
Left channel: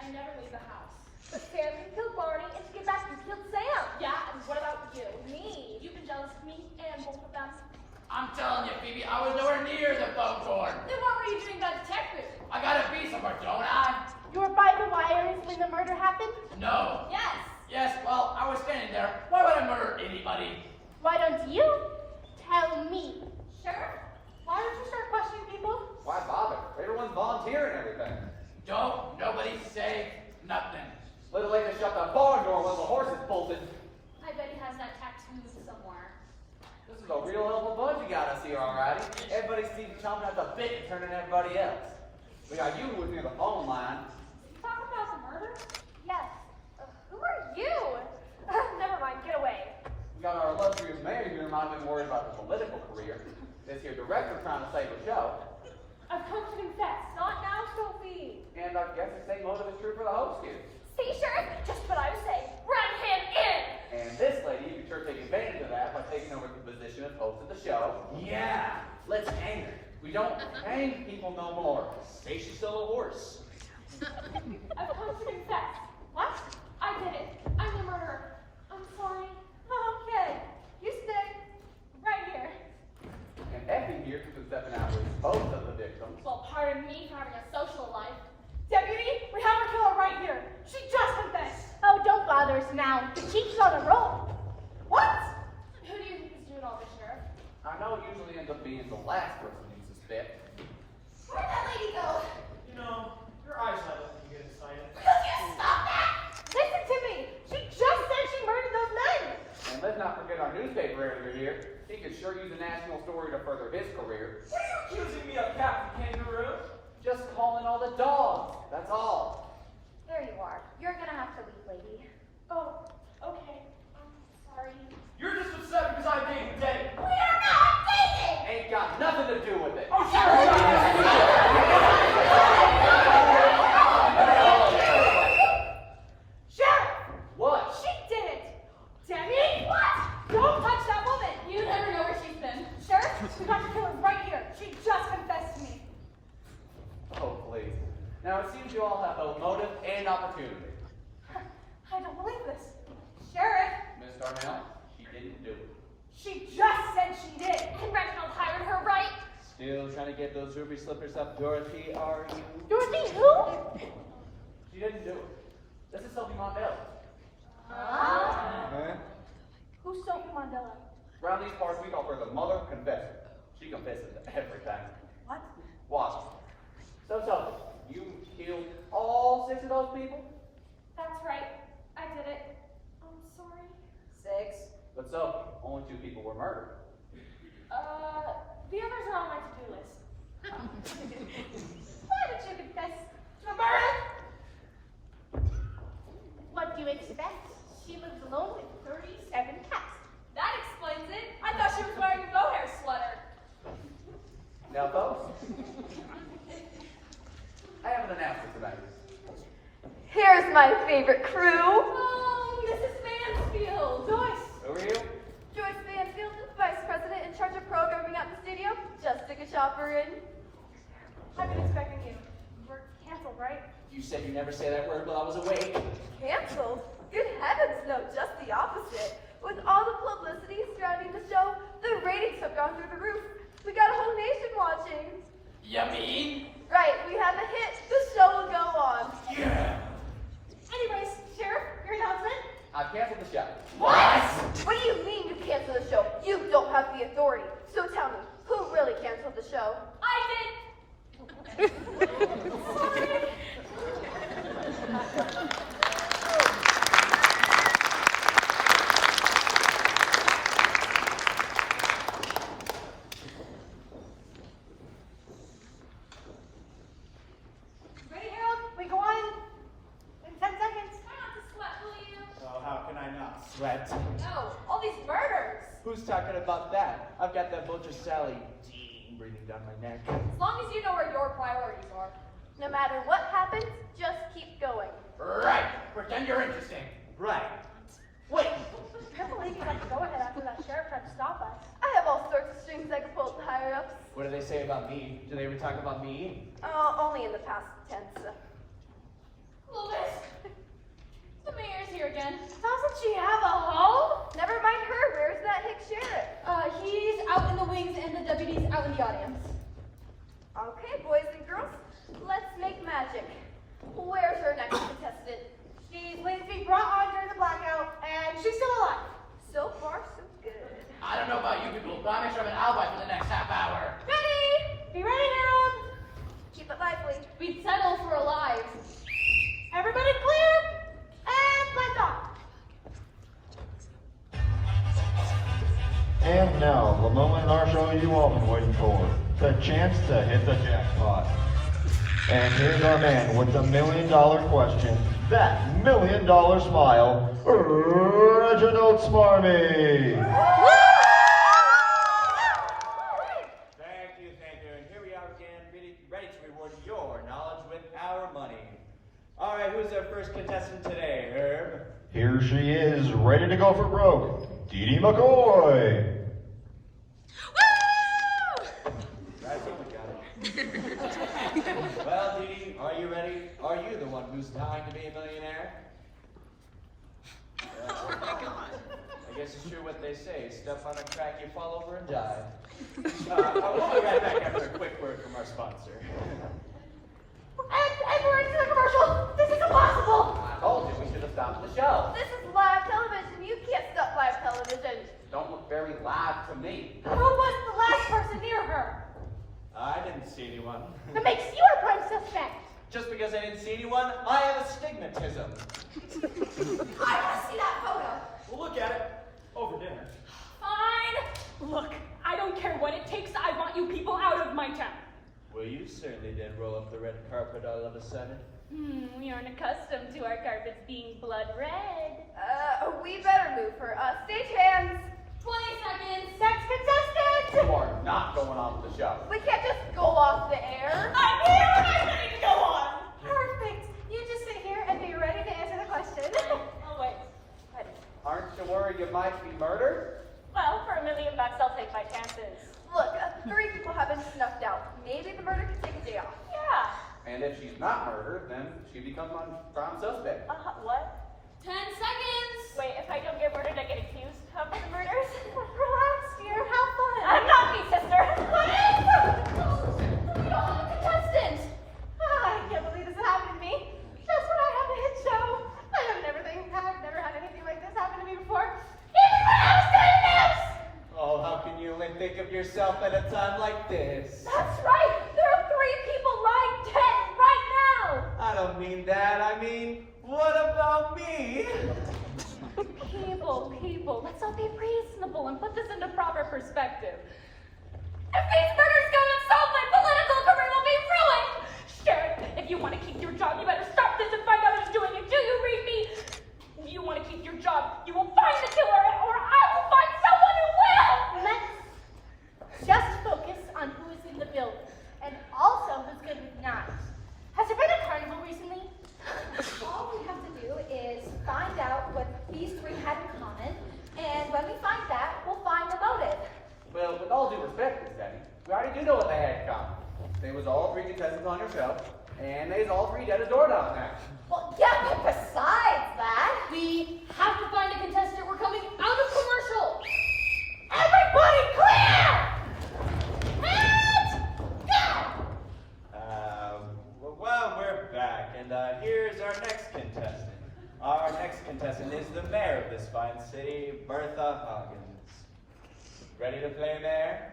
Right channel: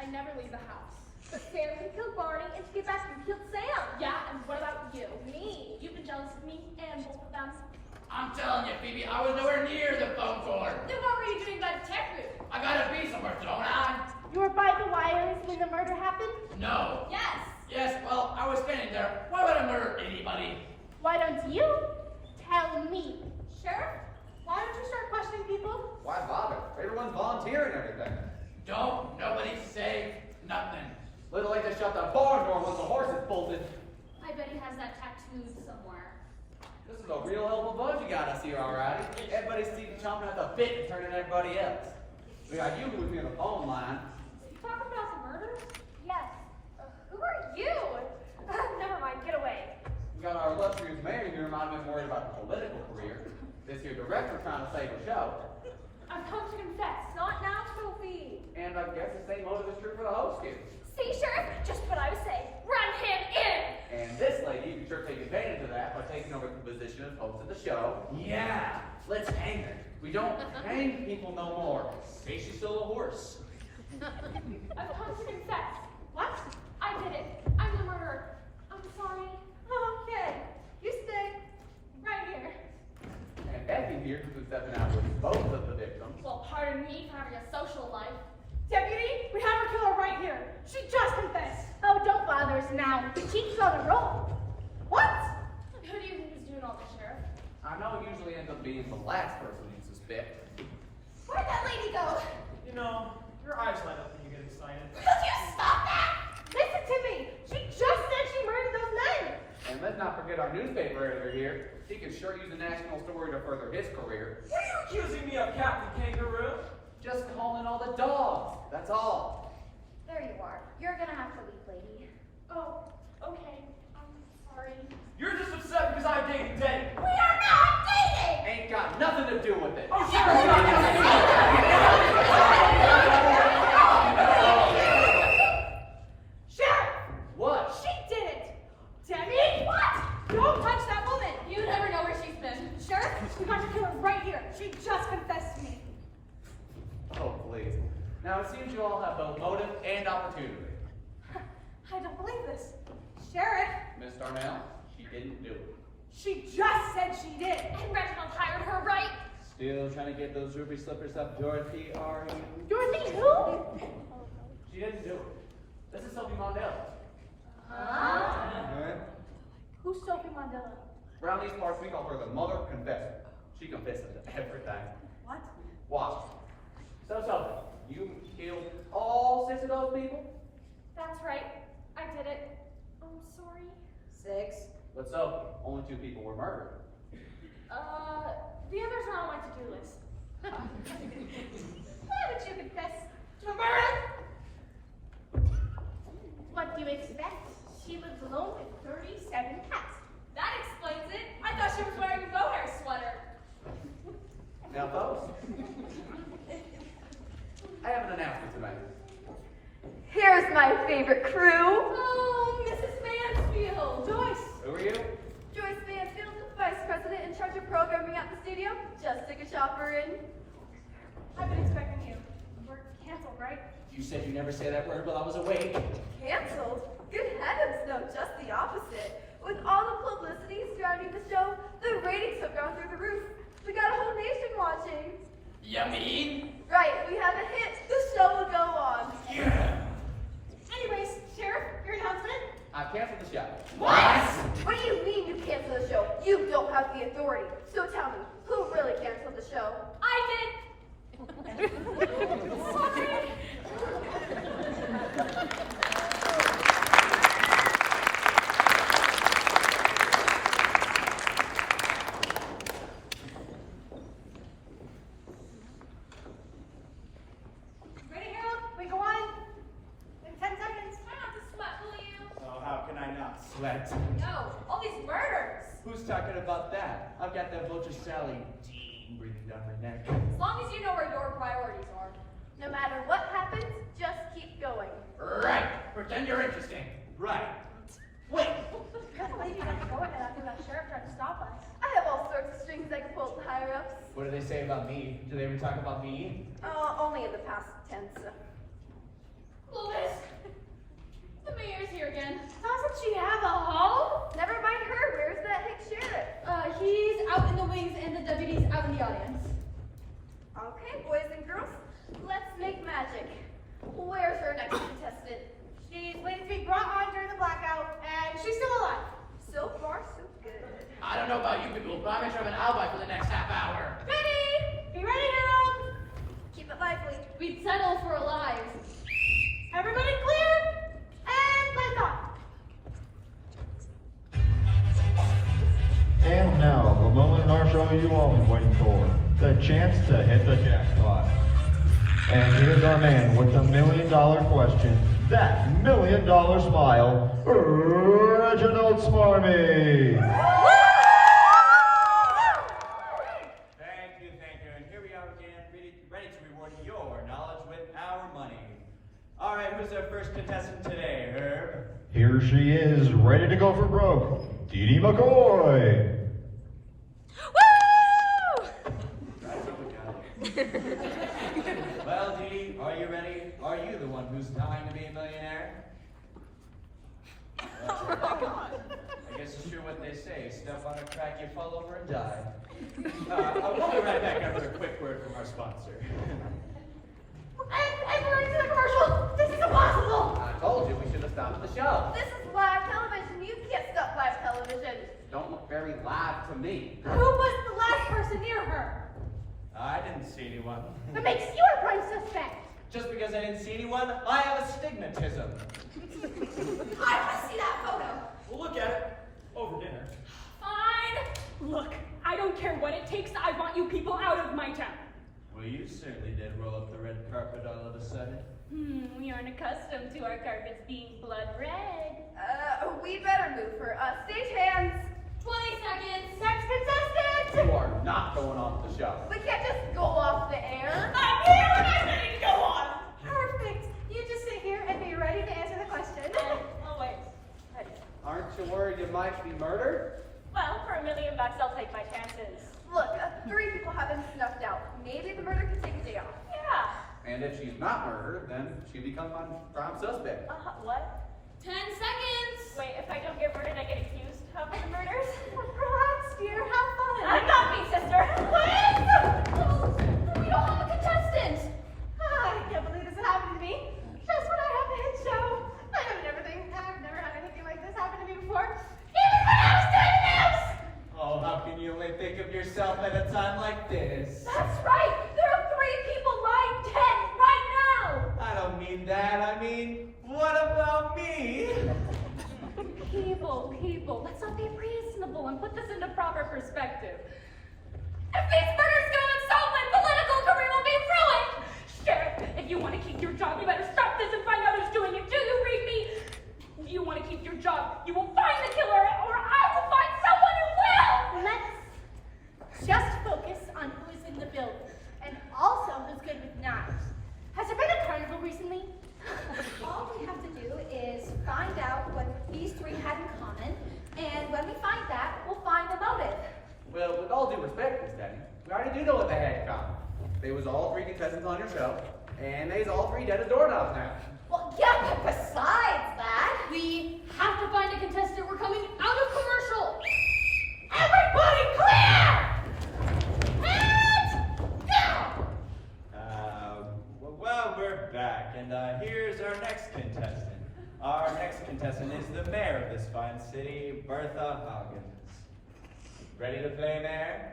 I never leave the house. But Sam can kill Barney and she get back and kill Sam. Yeah, and what about you? Me. You've been jealous of me and both of them. I'm telling you, Phoebe, I was nowhere near the phone cord. Then what were you doing by detective? I gotta be somewhere, don't I? You were by the wires when the murder happened? No. Yes. Yes, well, I was standing there. Why would I murder anybody? Why don't you tell me? Sheriff, why don't you start questioning people? Why bother? Everyone's volunteering everything. Don't nobody say nothing. Little late to shut the barn door when the horses bolted. I bet he has that tattooed somewhere. This is a real hell of a bunch you got us here, alrighty. Everybody seems chomping at the bit and turning everybody else. We got you who's near the phone line. You talking about the murder? Yes. Who are you? Never mind, get away. We got our illustrious mayor here who might have been worried about the political career. This here director trying to save the show. I've come to confess. Not now, Sophie. And I guess the same motive is true for the host here. See, Sheriff, just what I was saying. Run him in! And this lady, you can sure take advantage of that by taking over the position of host of the show. Yeah, let's hang her. We don't hang people no more. Say she stole a horse. I've come to confess. What? I did it. I'm the murderer. I'm sorry. Okay. You stay. Right here. And Effie here who's been stepping out with both of the victims. Well, pardon me for having a social life. Deputy, we have our killer right here. She just confessed. Oh, don't bother us now. She's on a roll. What? Who do you think is doing all this, Sheriff? I know it usually ends up being the last person you suspect. Where'd that lady go? You know, your eyes light up when you get excited. Could you stop that? Listen to me. She just said she murdered those men. And let's not forget our newspaper editor here. He could sure use a national story to further his career. What are you accusing me of, Captain Kangaroo? Just calling all the dogs. That's all. There you are. You're gonna have to leave, lady. Oh, okay. I'm sorry. You're just upset because I'm dating Dave. We are not dating! Ain't got nothing to do with it. Oh, Sheriff, What? she did it. Debbie, what? Don't touch that woman. You never know where she's been. Sheriff, we got the killer right here. She just confessed to me. Oh, please. Now, it seems you all have both motive and opportunity. I don't believe this. Sheriff, Miss Darnell, she didn't do it. she just said she did. And Reginald hired her, right? Still trying to get those ruby slippers up, Dorothy, are you? Dorothy, who? She didn't do it. This is Sophie Mondale. Huh? Who's Sophie Mandela? Around these parts, we call her the mother confessor. She confesses to everything. What? Watch. So, you killed all 6 of those people? That's right. I did it. I'm sorry. 6. But Sophie, only 2 people were murdered. The others are on my to-do list. Why did you confess To murder? What do you expect? She lives alone with 37 cats. That explains it. I thought she was wearing a mohair sweater. Now, folks, I have an announcement to make. Here's my favorite crew. Oh, Mrs. Mansfield. Joyce. Who are you? Joyce Mansfield, Vice President in charge of programming at the studio. Just took a shopper in. I've been expecting you. We're canceled, right? You said you never say that word while I was awake. Canceled? Good heavens, no, just the opposite. With all the publicity surrounding the show, the ratings have gone through the roof. We got a whole nation watching. Yummy. Right, we have a hit. The show will go on. Yeah. Anyways, Sheriff, your announcement? I've canceled the show. What? What do you mean you cancel the show? You don't have the authority. So tell me, who really canceled the show? I did. Sorry. Ready, Harold? We go on in 10 seconds. Try not to sweat, will you? Oh, how can I not? Sweat. No, all these murders. Who's talking about that? I've got that butcher Sally Dean breathing down my neck. As long as you know where your priorities are. No matter what happens, just keep going. Right. Pretend you're interesting. Right. Wait. I can't believe you got to go ahead after that sheriff tried to stop us. I have all sorts of strings I can pull to higher ups. What do they say about me? Do they ever talk about me? Only in the past tense. Louis, the mayor's here again. Doesn't she have a home? Never mind her. Where's that hick sheriff? He's out in the wings and the deputy's out in the audience. Okay, boys and girls, let's make magic. Where's our next contestant? She's waiting to be brought on during the blackout, and she's still alive. So far, so good. I don't know about you people, but I'm sure I'm an alibi for the next half hour. Ready? Be ready, Harold. Keep it lively. We'd settle for alive. Everybody clear? And lift off. now, the moment in our show you all been waiting for. The chance to hit the jackpot. And here's our man with the $1 million question. That $1 million smile, Reginald Smarmy. Thank you. And here we are again, ready to reward your knowledge with our money. All right, who's our first contestant today, Herb? Here she is, ready to go for broke. Dee Dee McCoy. Well, Dee, are you ready? Are you the one who's dying to be a millionaire? Oh my God. I guess it's true what they say. Step on a crack, you fall over and die. We'll be right back after a quick word from our sponsor. And we're into the commercial. This is impossible. I told you we should have stopped the show. This is live television. You can't stop live television. Don't look very live to me. Who was the last person near her? I didn't see anyone. That makes you a prime suspect. Just because I didn't see anyone, I have astigmatism. I want to see that photo. We'll look at it over dinner. Fine. Look, I don't care what it takes. I want you people out of my town. Well, you certainly did roll up the red carpet all of a sudden. You're accustomed to our carpets being blood red. We better move for stage hands. 20 seconds. Next contestant. You are not going on with the show. We can't just go off the air. I'm here and I'm ready to go on. Perfect. You just sit here and be ready to answer the question. Always. Ready. Aren't you worried you might be murdered? Well, for $1 million, I'll take my chances. Look, 3 people have been snuffed out. Maybe the murder can take a day off. Yeah. And if she's not murdered, then she becomes a prime suspect. What? 10 seconds. Wait, if I don't get murdered, I get accused of murders? Relax, dear. Have fun. I'm not me, sister. We don't have a contestant. I can't believe this happened to me. Just when I have a hit show. I've never had anything like this happen to me before. Even when I was doing this. Oh, how can you only think of yourself at a time like this? That's right. There are 3 people lying dead right now. I don't mean that. I mean, what about me? People, let's not be reasonable and put this into proper perspective. If these murders go unsolved, my political career will be ruined! Sheriff, if you want to keep your job, you better stop this and find out who's doing it. Do you read me? If you want to keep your job, you will find the killer, or I will find someone who will! Let's just focus on who is in the building, and also who's good with knives. Has there been a carnival recently? All we have to do is find out what these 3 had in common, and when we find that, we'll find the motive. Well, with all due respect, Miss Debbie, we already do know what they had in common. They was all 3 contestants on your show, and they's all 3 dead as doorknobs now. Well, yeah, but besides that, We have to find a contestant. We're coming out of commercial. everybody grab! Well, we're back, and here's our next contestant. Our next contestant is the mayor of this fine city, Bertha Hoggins. Ready to play, Mayor?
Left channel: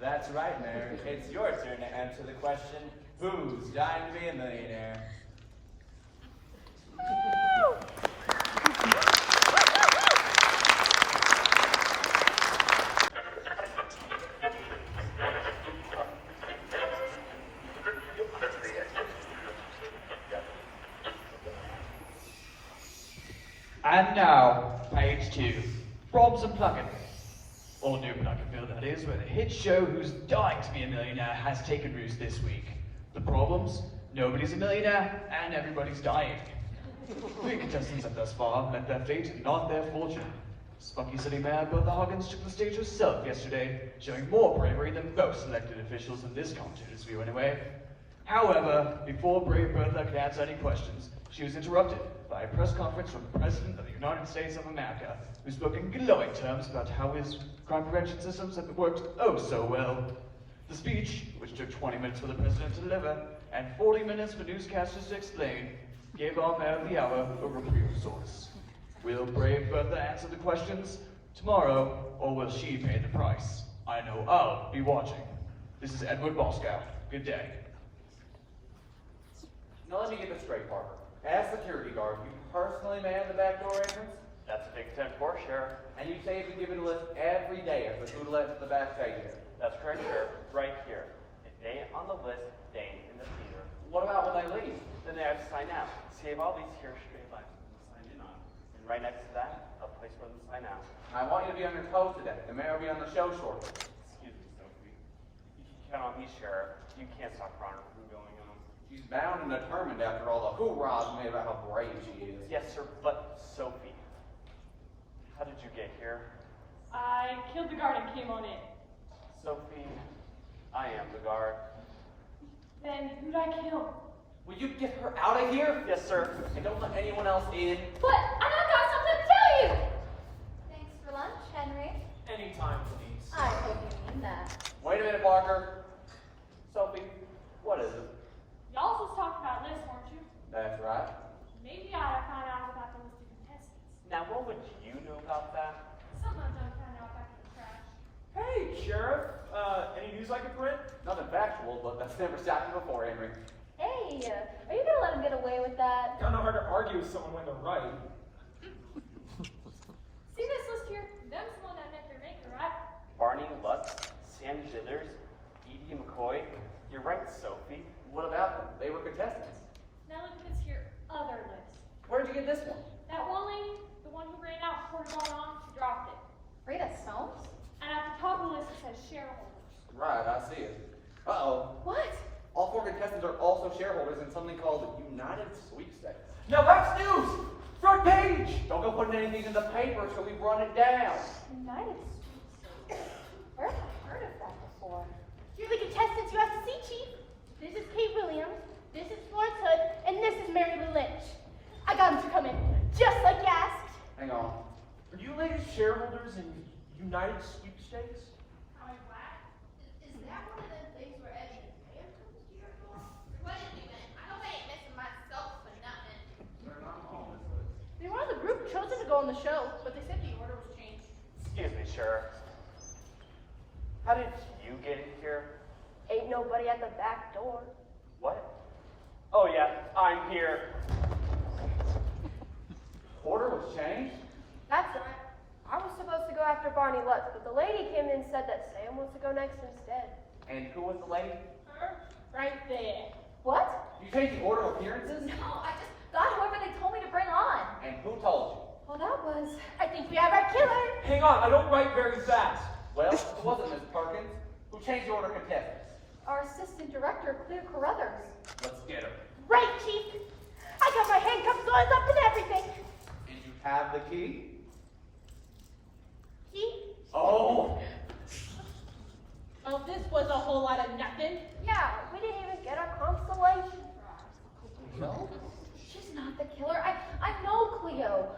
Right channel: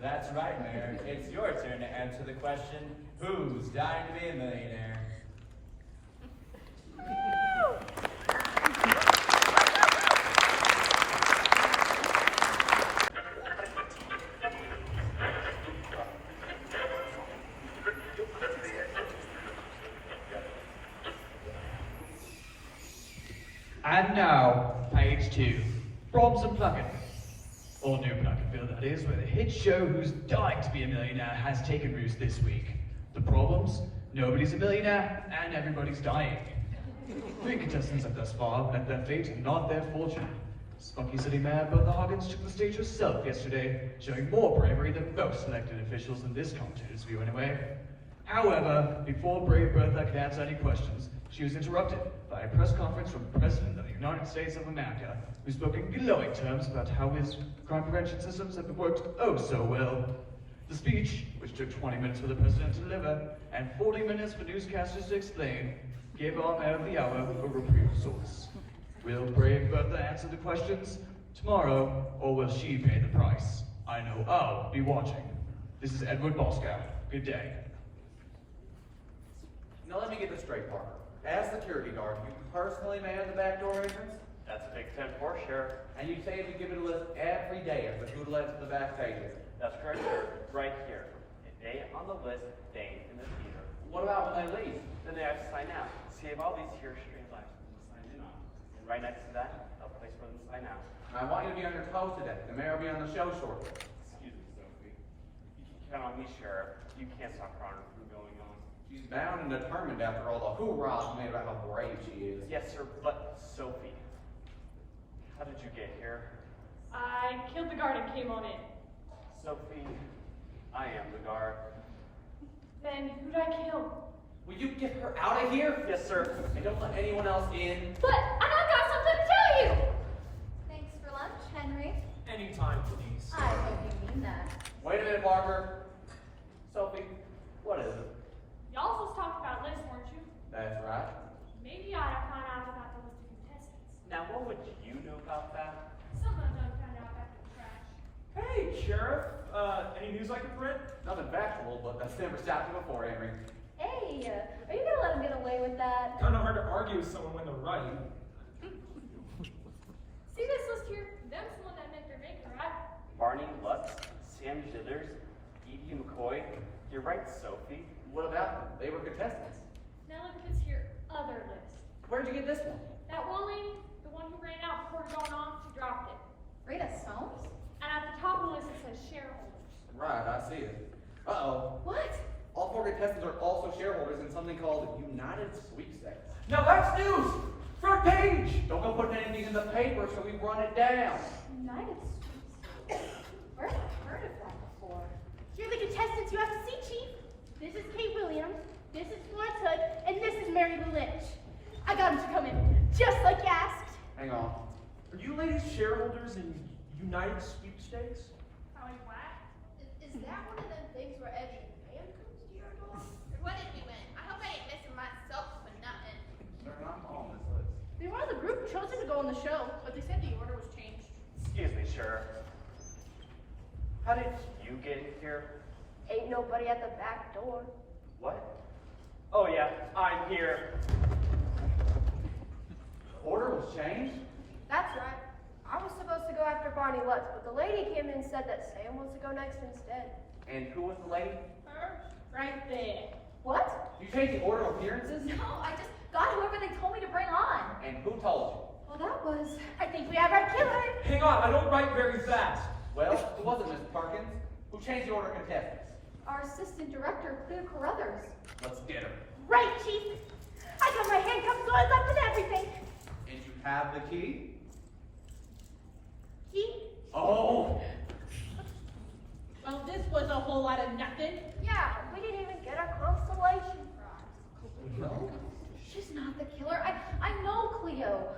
That's right, Mayor. It's your turn to answer the question, who's dying to be a millionaire? And now, page 2. Old New Plunkettville. Old New Plunkettville, that is, where the hit show Who's Dying to Be a Millionaire has taken roost this week. The problems? Nobody's a millionaire, and everybody's dying. 3 contestants have thus far met their fate and not their fortune. Spunky City Mayor Bertha Hoggins took the stage herself yesterday, showing more bravery than most elected officials in this country's view anyway. However, before brave Bertha could answer any questions, she was interrupted by a press conference from the President of the United States of America, who spoke in glowing terms about how his crime prevention systems have worked oh so well. The speech, which took 20 minutes for the President to deliver, and 40 minutes for newscasters to explain, gave our mayor of the hour a reprieve of sorts. Will brave Bertha answer the questions tomorrow, or will she pay the price? I know I'll be watching. This is Edward Boscow. Good day. Now let me get this straight, Parker. As security guard, you personally man the back door entrance? That's a big 10 for Sheriff. And you say you've been given a list every day of but who led to the back pay here? That's correct, sir. Right here. If they on the list, they in the theater. What about when they leave? Then they have to sign out. See, I have all these here straight lines for them to sign in on. And right next to that, a place for them to sign out. I want you to be on your toes today. The mayor will be on the show shortly. Excuse me, Sophie. You can count on me, Sheriff. You can't stop Connor from going on. She's bound and determined after all the hoorahs made about how brave she is. Yes, sir, but Sophie, how did you get here? I killed the guard and came on in. Sophie, I am the guard. Then who'd I kill? Will you get her out of here? Yes, sir. And don't let anyone else in. But I've got something to tell you! Thanks for lunch, Henry. Anytime, please. I hope you mean that. Wait a minute, Barker. Sophie, what is it? Y'all just talked about lists, weren't you? That's right. Maybe I found out about the list of contestants. Now, what would you know about that? Sometimes I find out back in the trash. Hey, Sheriff. Any news I can print? Nothing factual, but that's never stopped you before, Henry. Hey, are you gonna let him get away with that? Kind of hard to argue with someone when they're right. See this list here? Them's the one that met their maker, right? Barney Lutz, Sam Jithers, Edie McCoy. You're right, Sophie. What about them? They were contestants. Now look at this here other list. Where'd you get this one? That Wally, the one who ran out before going on, she dropped it. Rita Soames? And at the top of the list it says shareholders. Right, I see it. Uh-oh. What? All 4 contestants are also shareholders in something called the United Sweepstakes. Now that's news! Front page! Don't go putting anything in the paper so we run it down. United States. Where have I heard of that before? You're the contestants you have to see, Chief. This is Kate Williams, this is Florence Hood, and this is Mary Lou Lynch. I got them to come in, just like you asked. Hang on. Are you ladies shareholders in United Sweepstakes? How I whack? Is that one of them things where every man comes to your door? What is we winning? I hope I ain't messing myself for nothing. They're not on this list. They were the group chosen to go on the show, but they said the order was changed. Excuse me, Sheriff. How did you get here? Ain't nobody at the back door. What? Oh, yeah, I'm here. Order was changed? That's right. I was supposed to go after Barney Lutz, but the lady came in and said that Sam was to go next instead. And who was the lady? Her? Right there. What? You changed the order of appearances? No, I just got whoever they told me to bring on. And who told you? Well, that was... I think we have our killer. Hang on, I don't write very fast. Well, who was it, Miss Perkins? Who changed the order of contestants? Our assistant director, Cleo Carruthers. Let's get her. Right, Chief. I got my handcuffs on, left and everything. And you have the key? Key? Oh! Well, this was a whole lot of nothing. Yeah, we didn't even get our consolation prize. Cleo? She's not the killer. I know Cleo.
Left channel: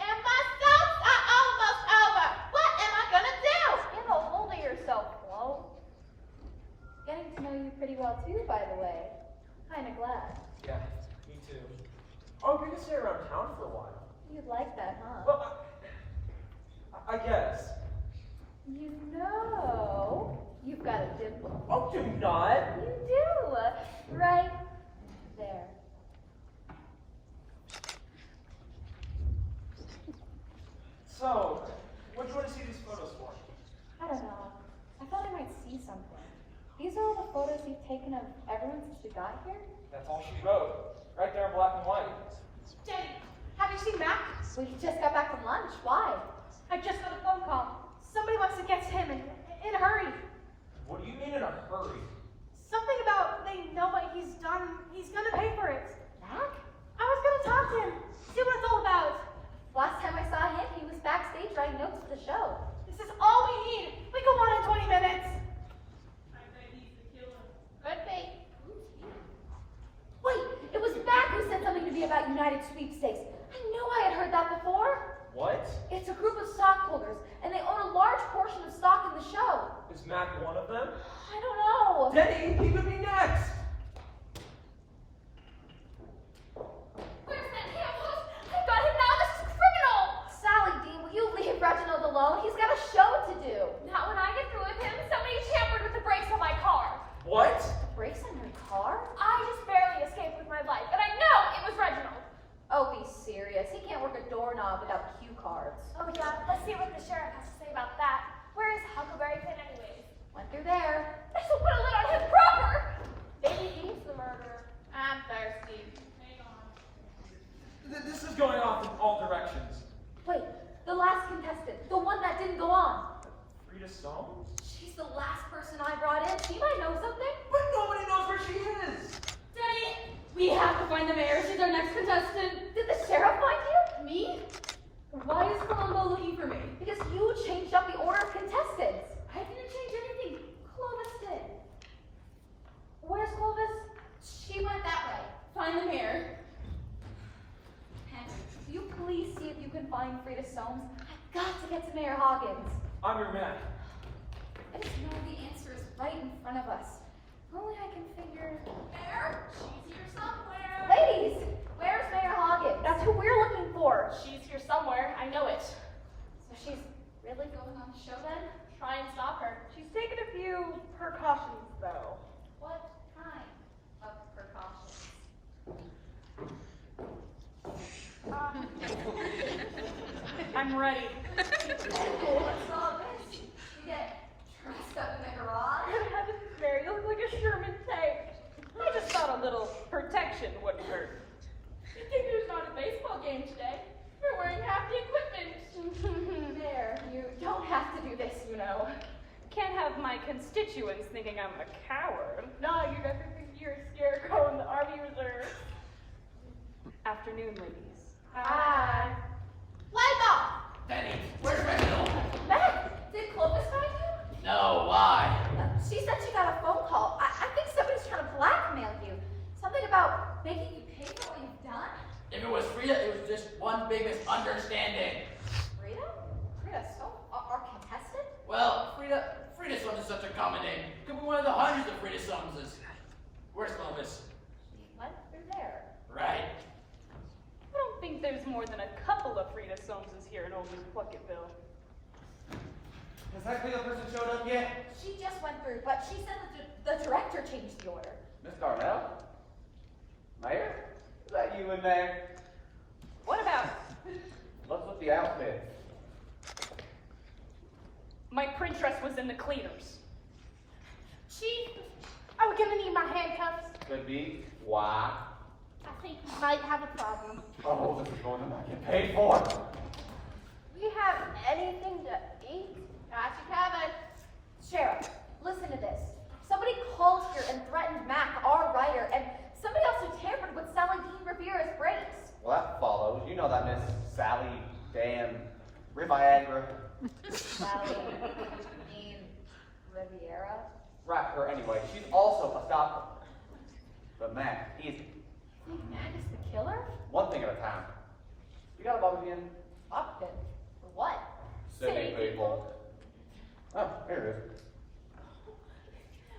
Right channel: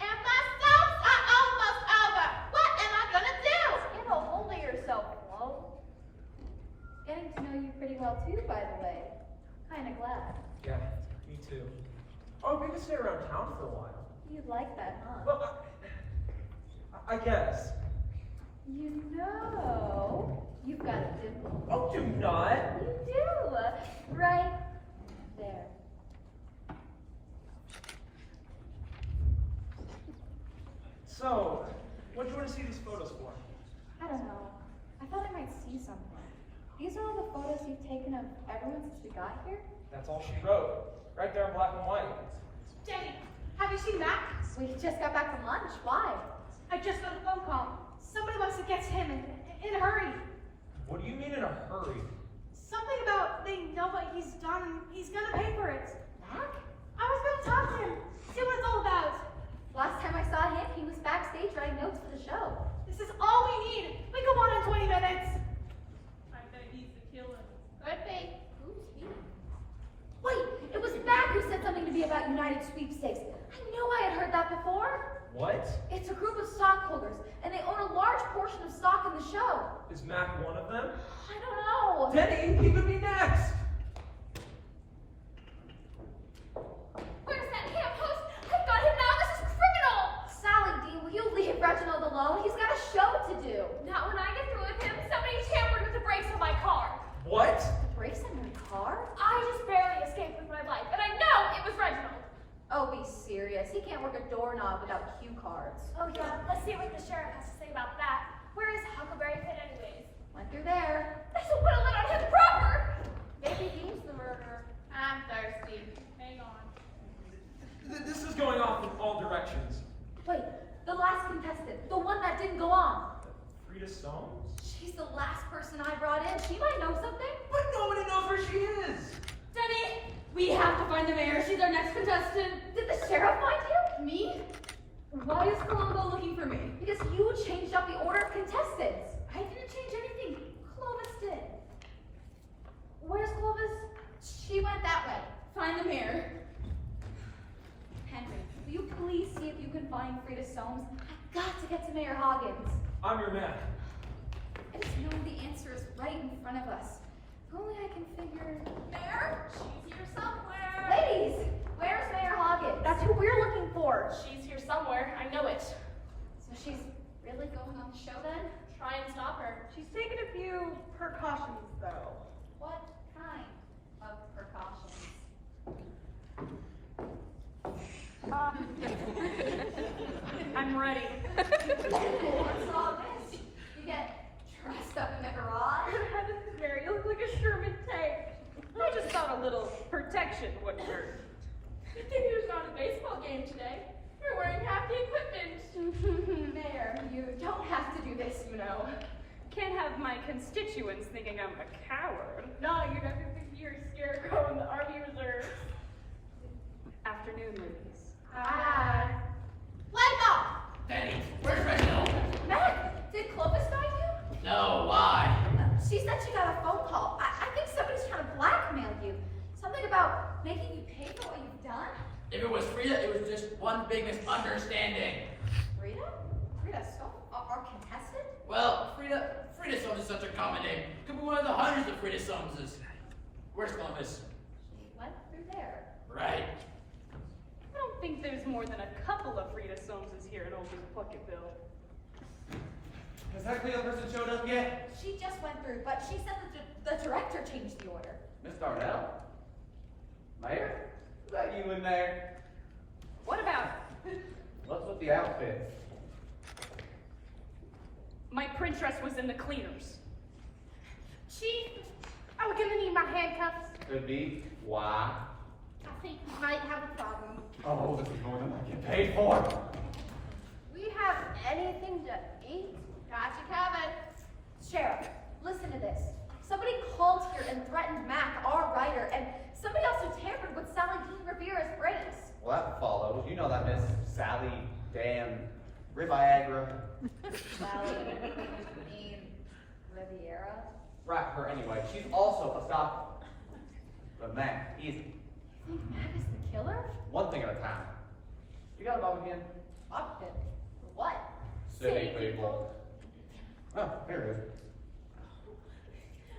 And my soaps are almost over. What am I gonna do? Get a hold of yourself, Flo. Getting to know you pretty well too, by the way. Kinda glad. Yeah, me too. Oh, we could stay around town for a while. You'd like that, huh? Well, I guess. You know, you've got a dimple. Oh, do not! You do! Right there. So, what do you want to see these photos for? I don't know. I thought I might see something. These are all the photos you've taken of everyone since we got here? That's all she wrote. Right there in black and white. Jenny, have you seen Mac? We just got back from lunch. Why? I just got a phone call. Somebody wants to get to him in a hurry. What do you mean in a hurry? Something about they know what he's done. He's gonna pay for it. Mac? I was gonna talk to him, see what it's all about. Last time I saw him, he was backstage writing notes for the show. This is all we need. We go on in 20 minutes. I bet he's the killer. Could be. Who's he? Wait, it was Mac who said something to me about United Sweepstakes. I knew I had heard that before. What? It's a group of stockholders, and they own a large portion of stock in the show. Is Mac one of them? I don't know. Denny, he could be next! Where's that ham host? I've got him now. This is criminal. Sally Dean, will you leave Reginald alone? He's got a show to do. Not when I get through with him. Somebody tampered with the brakes on my car. What? Brakes on my car? I just barely escaped with my life, and I know it was Reginald. Oh, be serious. He can't work a doorknob without cue cards. Oh yeah, let's see what the sheriff has to say about that. Where is Huckleberry? Frida Soames? She's the last person I brought in. She might know something. But nobody knows where she is. Denny, we have to find the mayor. She's our next contestant. Did the sheriff find you? Me? Why is Columbo looking for me? Because you changed up the order of contestants. I didn't change anything. Clovis did. Where's Clovis? She went that way. Find the mayor. Henry, will you please see if you can find Frida Soames? I've got to get to Mayor Hoggins. I'm your man. I just know the answer is right in front of us. If only I can figure. Mayor, she's here somewhere. Ladies, where's Mayor Hoggins? That's who we're looking for. She's here somewhere. I know it. So she's really going on the show then? Try and stop her. She's taken a few precautions, though. What kind of precautions? I'm ready. What's all this? You get dressed up in the garage? Mary, you look like a Sherman tank. I just thought a little protection wouldn't hurt. You think there's not a baseball game today? You're wearing half the equipment. Mayor, you don't have to do this, you know. Can't have my constituents thinking I'm a coward. No, you're never think you're a scarecrow in the Army Reserve. Afternoon, ladies. Hi. Light off. Denny, where's my milk? Matt, did Clovis find you? No, why? She said she got a phone call. I think somebody's trying to blackmail you. Something about making you pay for what you've done? If it was Frida, it was just one big misunderstanding. Frida? Frida, so our contestant? Well, Frida Soames is such a common name. Could be one of the hundreds of Frida Soameses. Where's Clovis? She went through there. Right. I don't think there's more than a couple of Frida Soameses here in Old New Plunkettville. Has that Frida person showed up yet? She just went through, but she said that the director changed the order. Miss Darnell? Mayor? Is that you in there? What about What's with the outfit? my print dress was in the cleaners? Chief, are we gonna need my handcuffs? Could be. Why? I think we might have a problem. Oh, this is more than I get paid for. We have anything to eat? Got you covered. Sheriff, listen to this. Somebody called here and threatened Mac, our writer, and somebody else who tampered with Sally Dean Rivera's brains. Well, that follows. You know that Miss Sally Dan Riviagra. Sally Dean Riviera? Right, her anyway. She's also a stalker. But man, easy. You think Mac is the killer? One thing at a time. You got a bum again? Upton. For what? City people. Oh, here it is.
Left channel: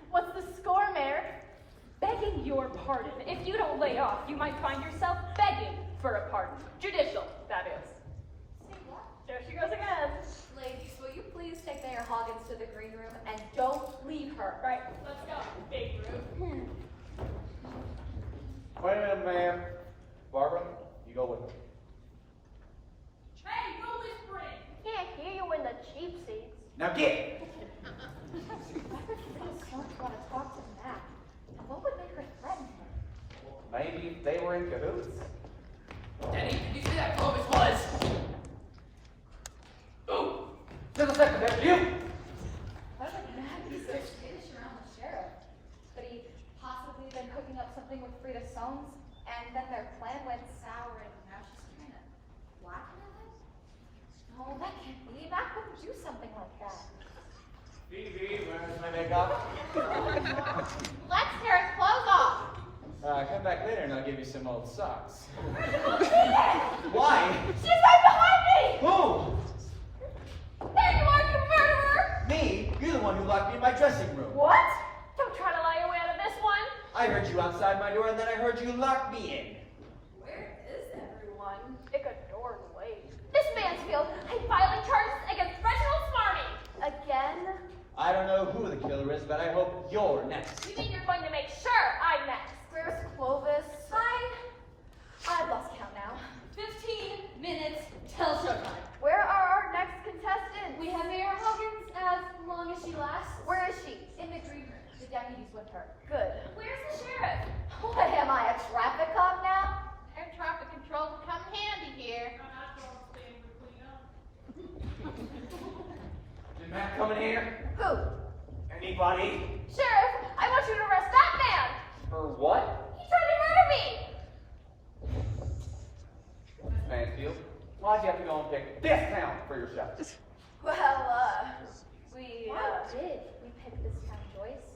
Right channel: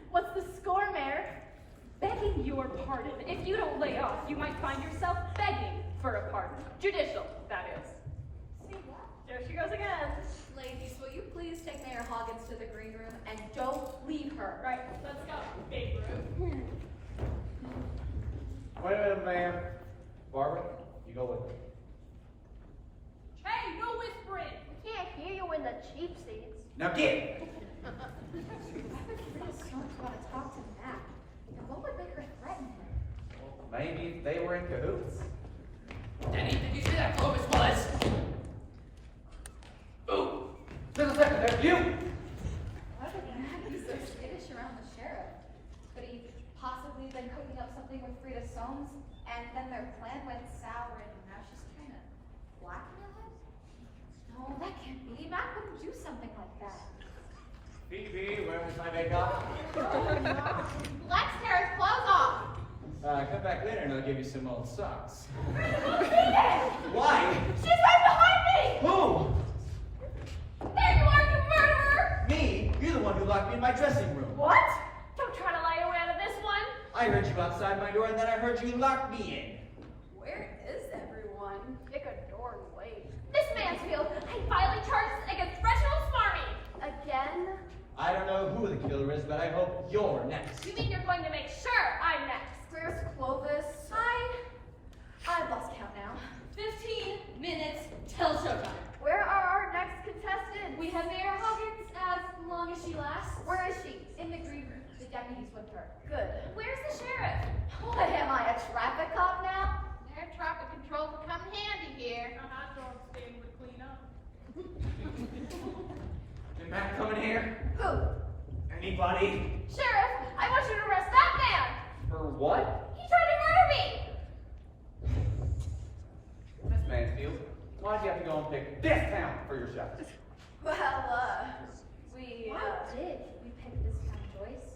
What's the score, Mayor? Begging your pardon. If you don't lay off, you might find yourself begging for a pardon. Judicial, that is. Say what? There she goes again. Ladies, will you please take Mayor Hoggins to the green room and don't leave her? Right, let's go. Babe Ruth. Wait a minute, ma'am. Barbara, you go with her. Hey, no whispering. We can't hear you in the cheap seats. Now get! Frida Soames want to talk to Mac. And what would make her threaten him? Maybe they were in cahoots. Denny, did you see that Clovis was? Ooh! Just a second, that's you! Why would Mac be so skittish around the sheriff? Could he possibly been cooking up something with Frida Soames, and then their plan went sour, and now she's trying to blackmail him? No, that can't be. Mac wouldn't do something like that. Phoebe, where's my makeup? Let's tear his clothes off. Come back later and I'll give you some old socks. Why? She's right behind me! Who? There you are, you murderer! Me? You're the one who locked me in my dressing room. What? Don't try to lie your way out of this one. I heard you outside my door and then I heard you lock me Where is everyone? Pick a door and wait. Miss Mansfield, I filing charges against Reginald Smarmy! Again? in. I don't know who the killer is, but I hope you're next. You mean you're going to make sure I'm next? There's Clovis. I've lost count now. 15 minutes till showtime. Where are our next contestants? We have Mayor Hoggins as long as she lasts. Where is she? In the green room. The deputy's with her. Good. Where's the sheriff? What am I, a traffic cop now? Their traffic control will come in handy here. I'm not going to stay with clean up. Did Matt come in here? Who? Anybody? Sheriff, I want you to arrest that man. For what? He tried to murder me. Miss Mansfield, why'd you have to go and pick this town for your shot? Well, we did. We picked this town, Joyce.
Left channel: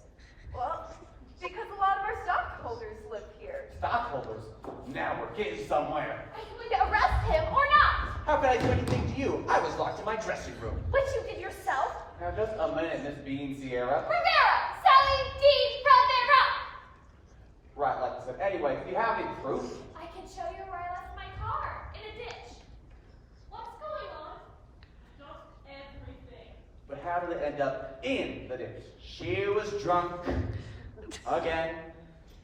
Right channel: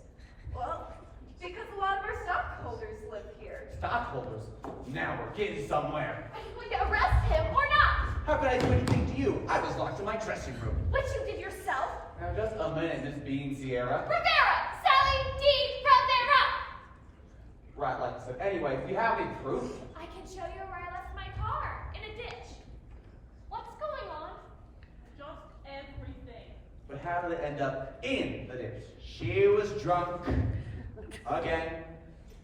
Well, because a lot of our stockholders live here. Stockholders? Now we're getting somewhere. Are you going to arrest him or not? How can I do anything to you? I was locked in my dressing room. Which you did yourself. Now just a minute, Miss Bean Sierra. Rivera! Sally Dean Rivera! Right, like I said. Anyways, do you have any proof? I can show you where I left my car. In a ditch. What's going on? Just everything. But how did it end up in the ditch? She was drunk. Again.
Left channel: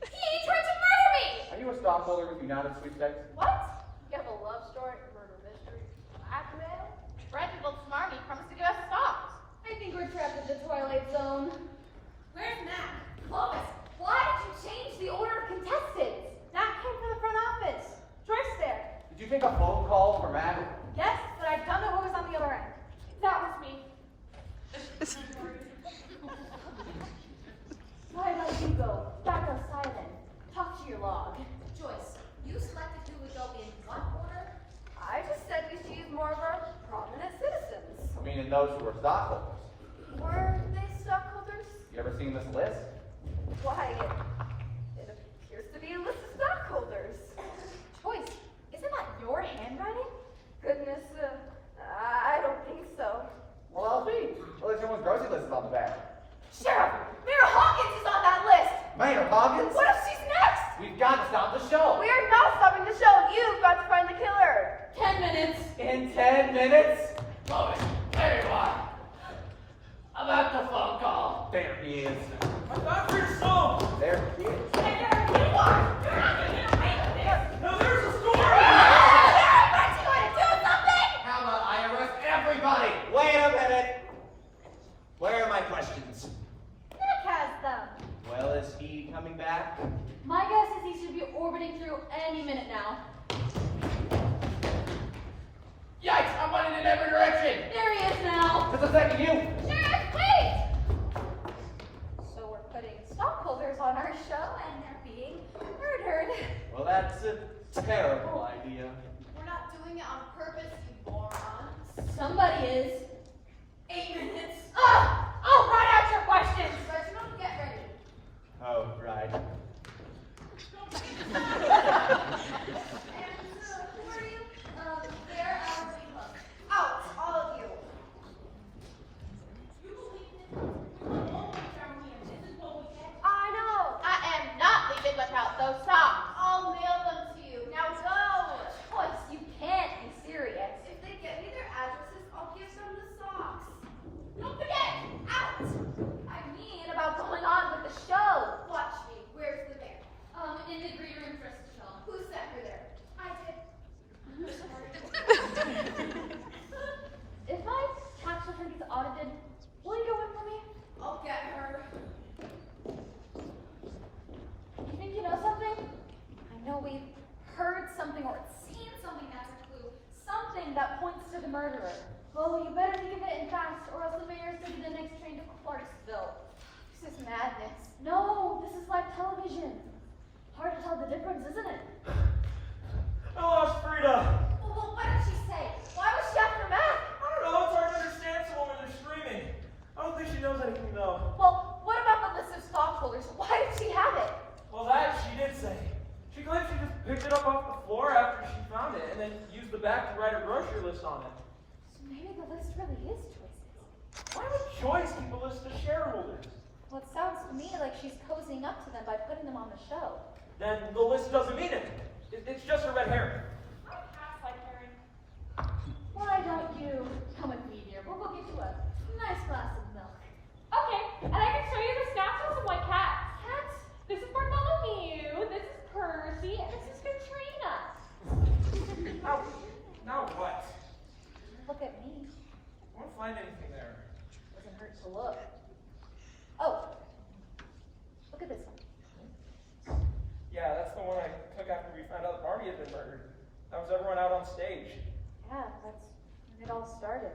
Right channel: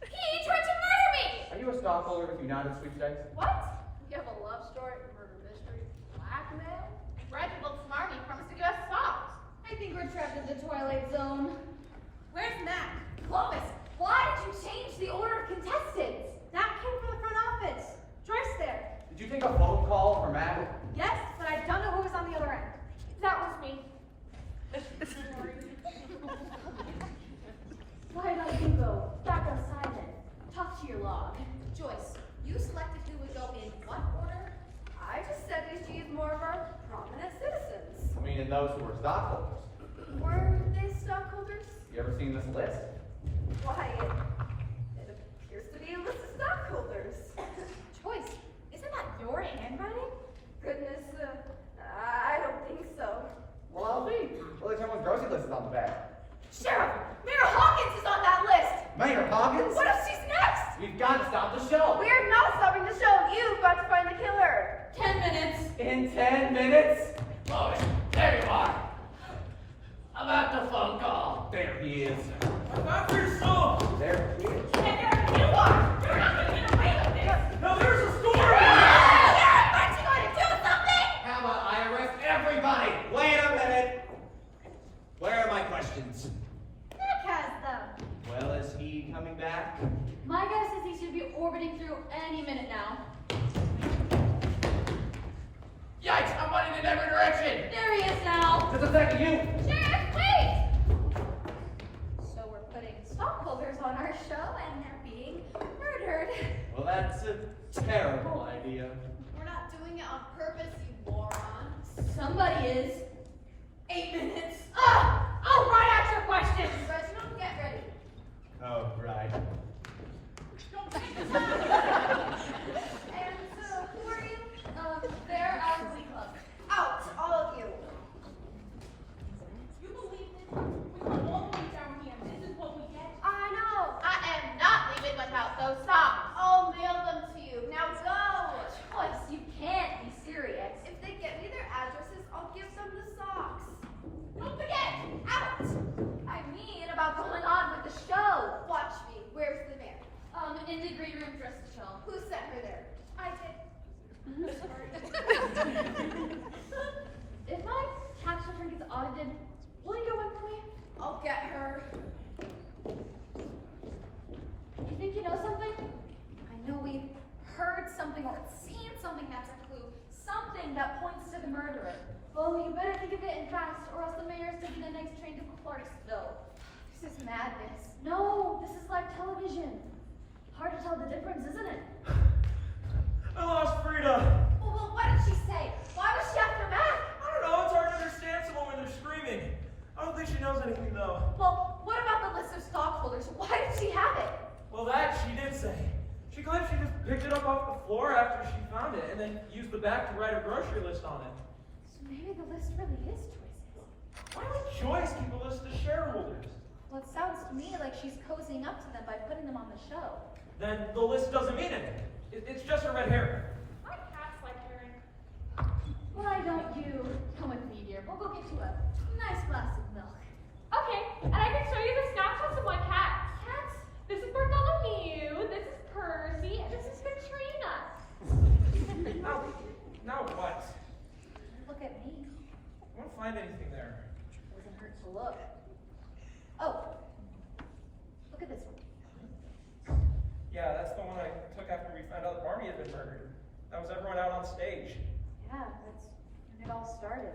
He tried to murder me! Are you a stockholder with United Sweepstakes? What? You have a love story, murder mystery, blackmail? Reginald Smarmy promised to give us stocks. I think we're trapped in the Twilight Zone. Where's Matt? Clovis, why did you change the order of contestants? That came from the front office. Joyce there. Did you take a phone call from Matt? Yes, but I don't know who was on the other end. That was me. Why don't you go back outside then? Talk to your log. Joyce, you selected who would go in what order? I just said we should use more of our prominent citizens. I mean, in those who were stockholders. Were they stockholders? You ever seen this list? Why, it appears to be a list of stockholders. Joyce, isn't that your handwriting? Goodness, I don't think so. Well, I'll see. Well, there's someone's grocery list is on the back. Sheriff, Mayor Hawkins is on that list. Mayor Hawkins? What if she's next? We've got to stop the show. We're not stopping the show. You've got to find the killer. 10 minutes. In 10 minutes? Robin, there you are. About the phone call. There he is. About your son! There he is. Hey, there you are! You're not going to get away with this! Now there's a story! Aren't you going to do something? How about I arrest everybody? Wait a minute. Where are my questions? Nick has them. Well, is he coming back? My guess is he should be orbiting through any minute now. Yikes, I'm running in every direction. There he is now. Just a second, you. Sheriff, wait! So we're putting stockholders on our show and they're being murdered. Well, that's a terrible idea. We're not doing it on purpose, you moron. Somebody is. 8 minutes. I'll write out your questions. Reginald, get ready. Oh, right. And who are you? They're our club. Out, all of you. You believe this? We were all the way down here. This is what we get. I know. I am not leaving without those socks. I'll mail them to you. Now go. Joyce, you can't be serious. If they get me their addresses, I'll give them the socks. Don't forget. Out. I mean about going on with the show. Watch me. Where's the mayor? In the great room dress to show. Who sent her there? I did. If my tax return gets audited, will you go in for me? I'll get her. You think you know something? I know we've heard something or seen something that's a clue. Something that points to the murderer. Oh, you better think of it in fast, or else the mayor's taking the next train to Clarksville. This is madness. No, this is live television. Hard to tell the difference, isn't it? I lost Frida. Well, what did she say? Why was she after Matt? I don't know, it's hard to understand someone when they're screaming. I don't think she knows anything though. Well, what about the list of stockholders? Why did she have it? Well, that she did say. She claims she just picked it up off the floor after she found it and then used the back to write her grocery list on it. So maybe the list really is Joyce's. Why would Joyce keep a list of shareholders? Well, it sounds to me like she's cozying up to them by putting them on the show. Then the list doesn't mean anything. It's just a red herring. My cat's like herring. Why don't you come with me, dear? We'll go get you a nice glass of milk. Okay, and I can show you the snapshots of my cats. Cats? This is Bartholomew, this is Percy, and this is Katrina. Now what? Look at me. I won't find anything there. Doesn't hurt to look. Oh, look at this one. Yeah, that's the one I took after we found out Barney had been murdered. That was everyone out on stage. Yeah, that's when it all started.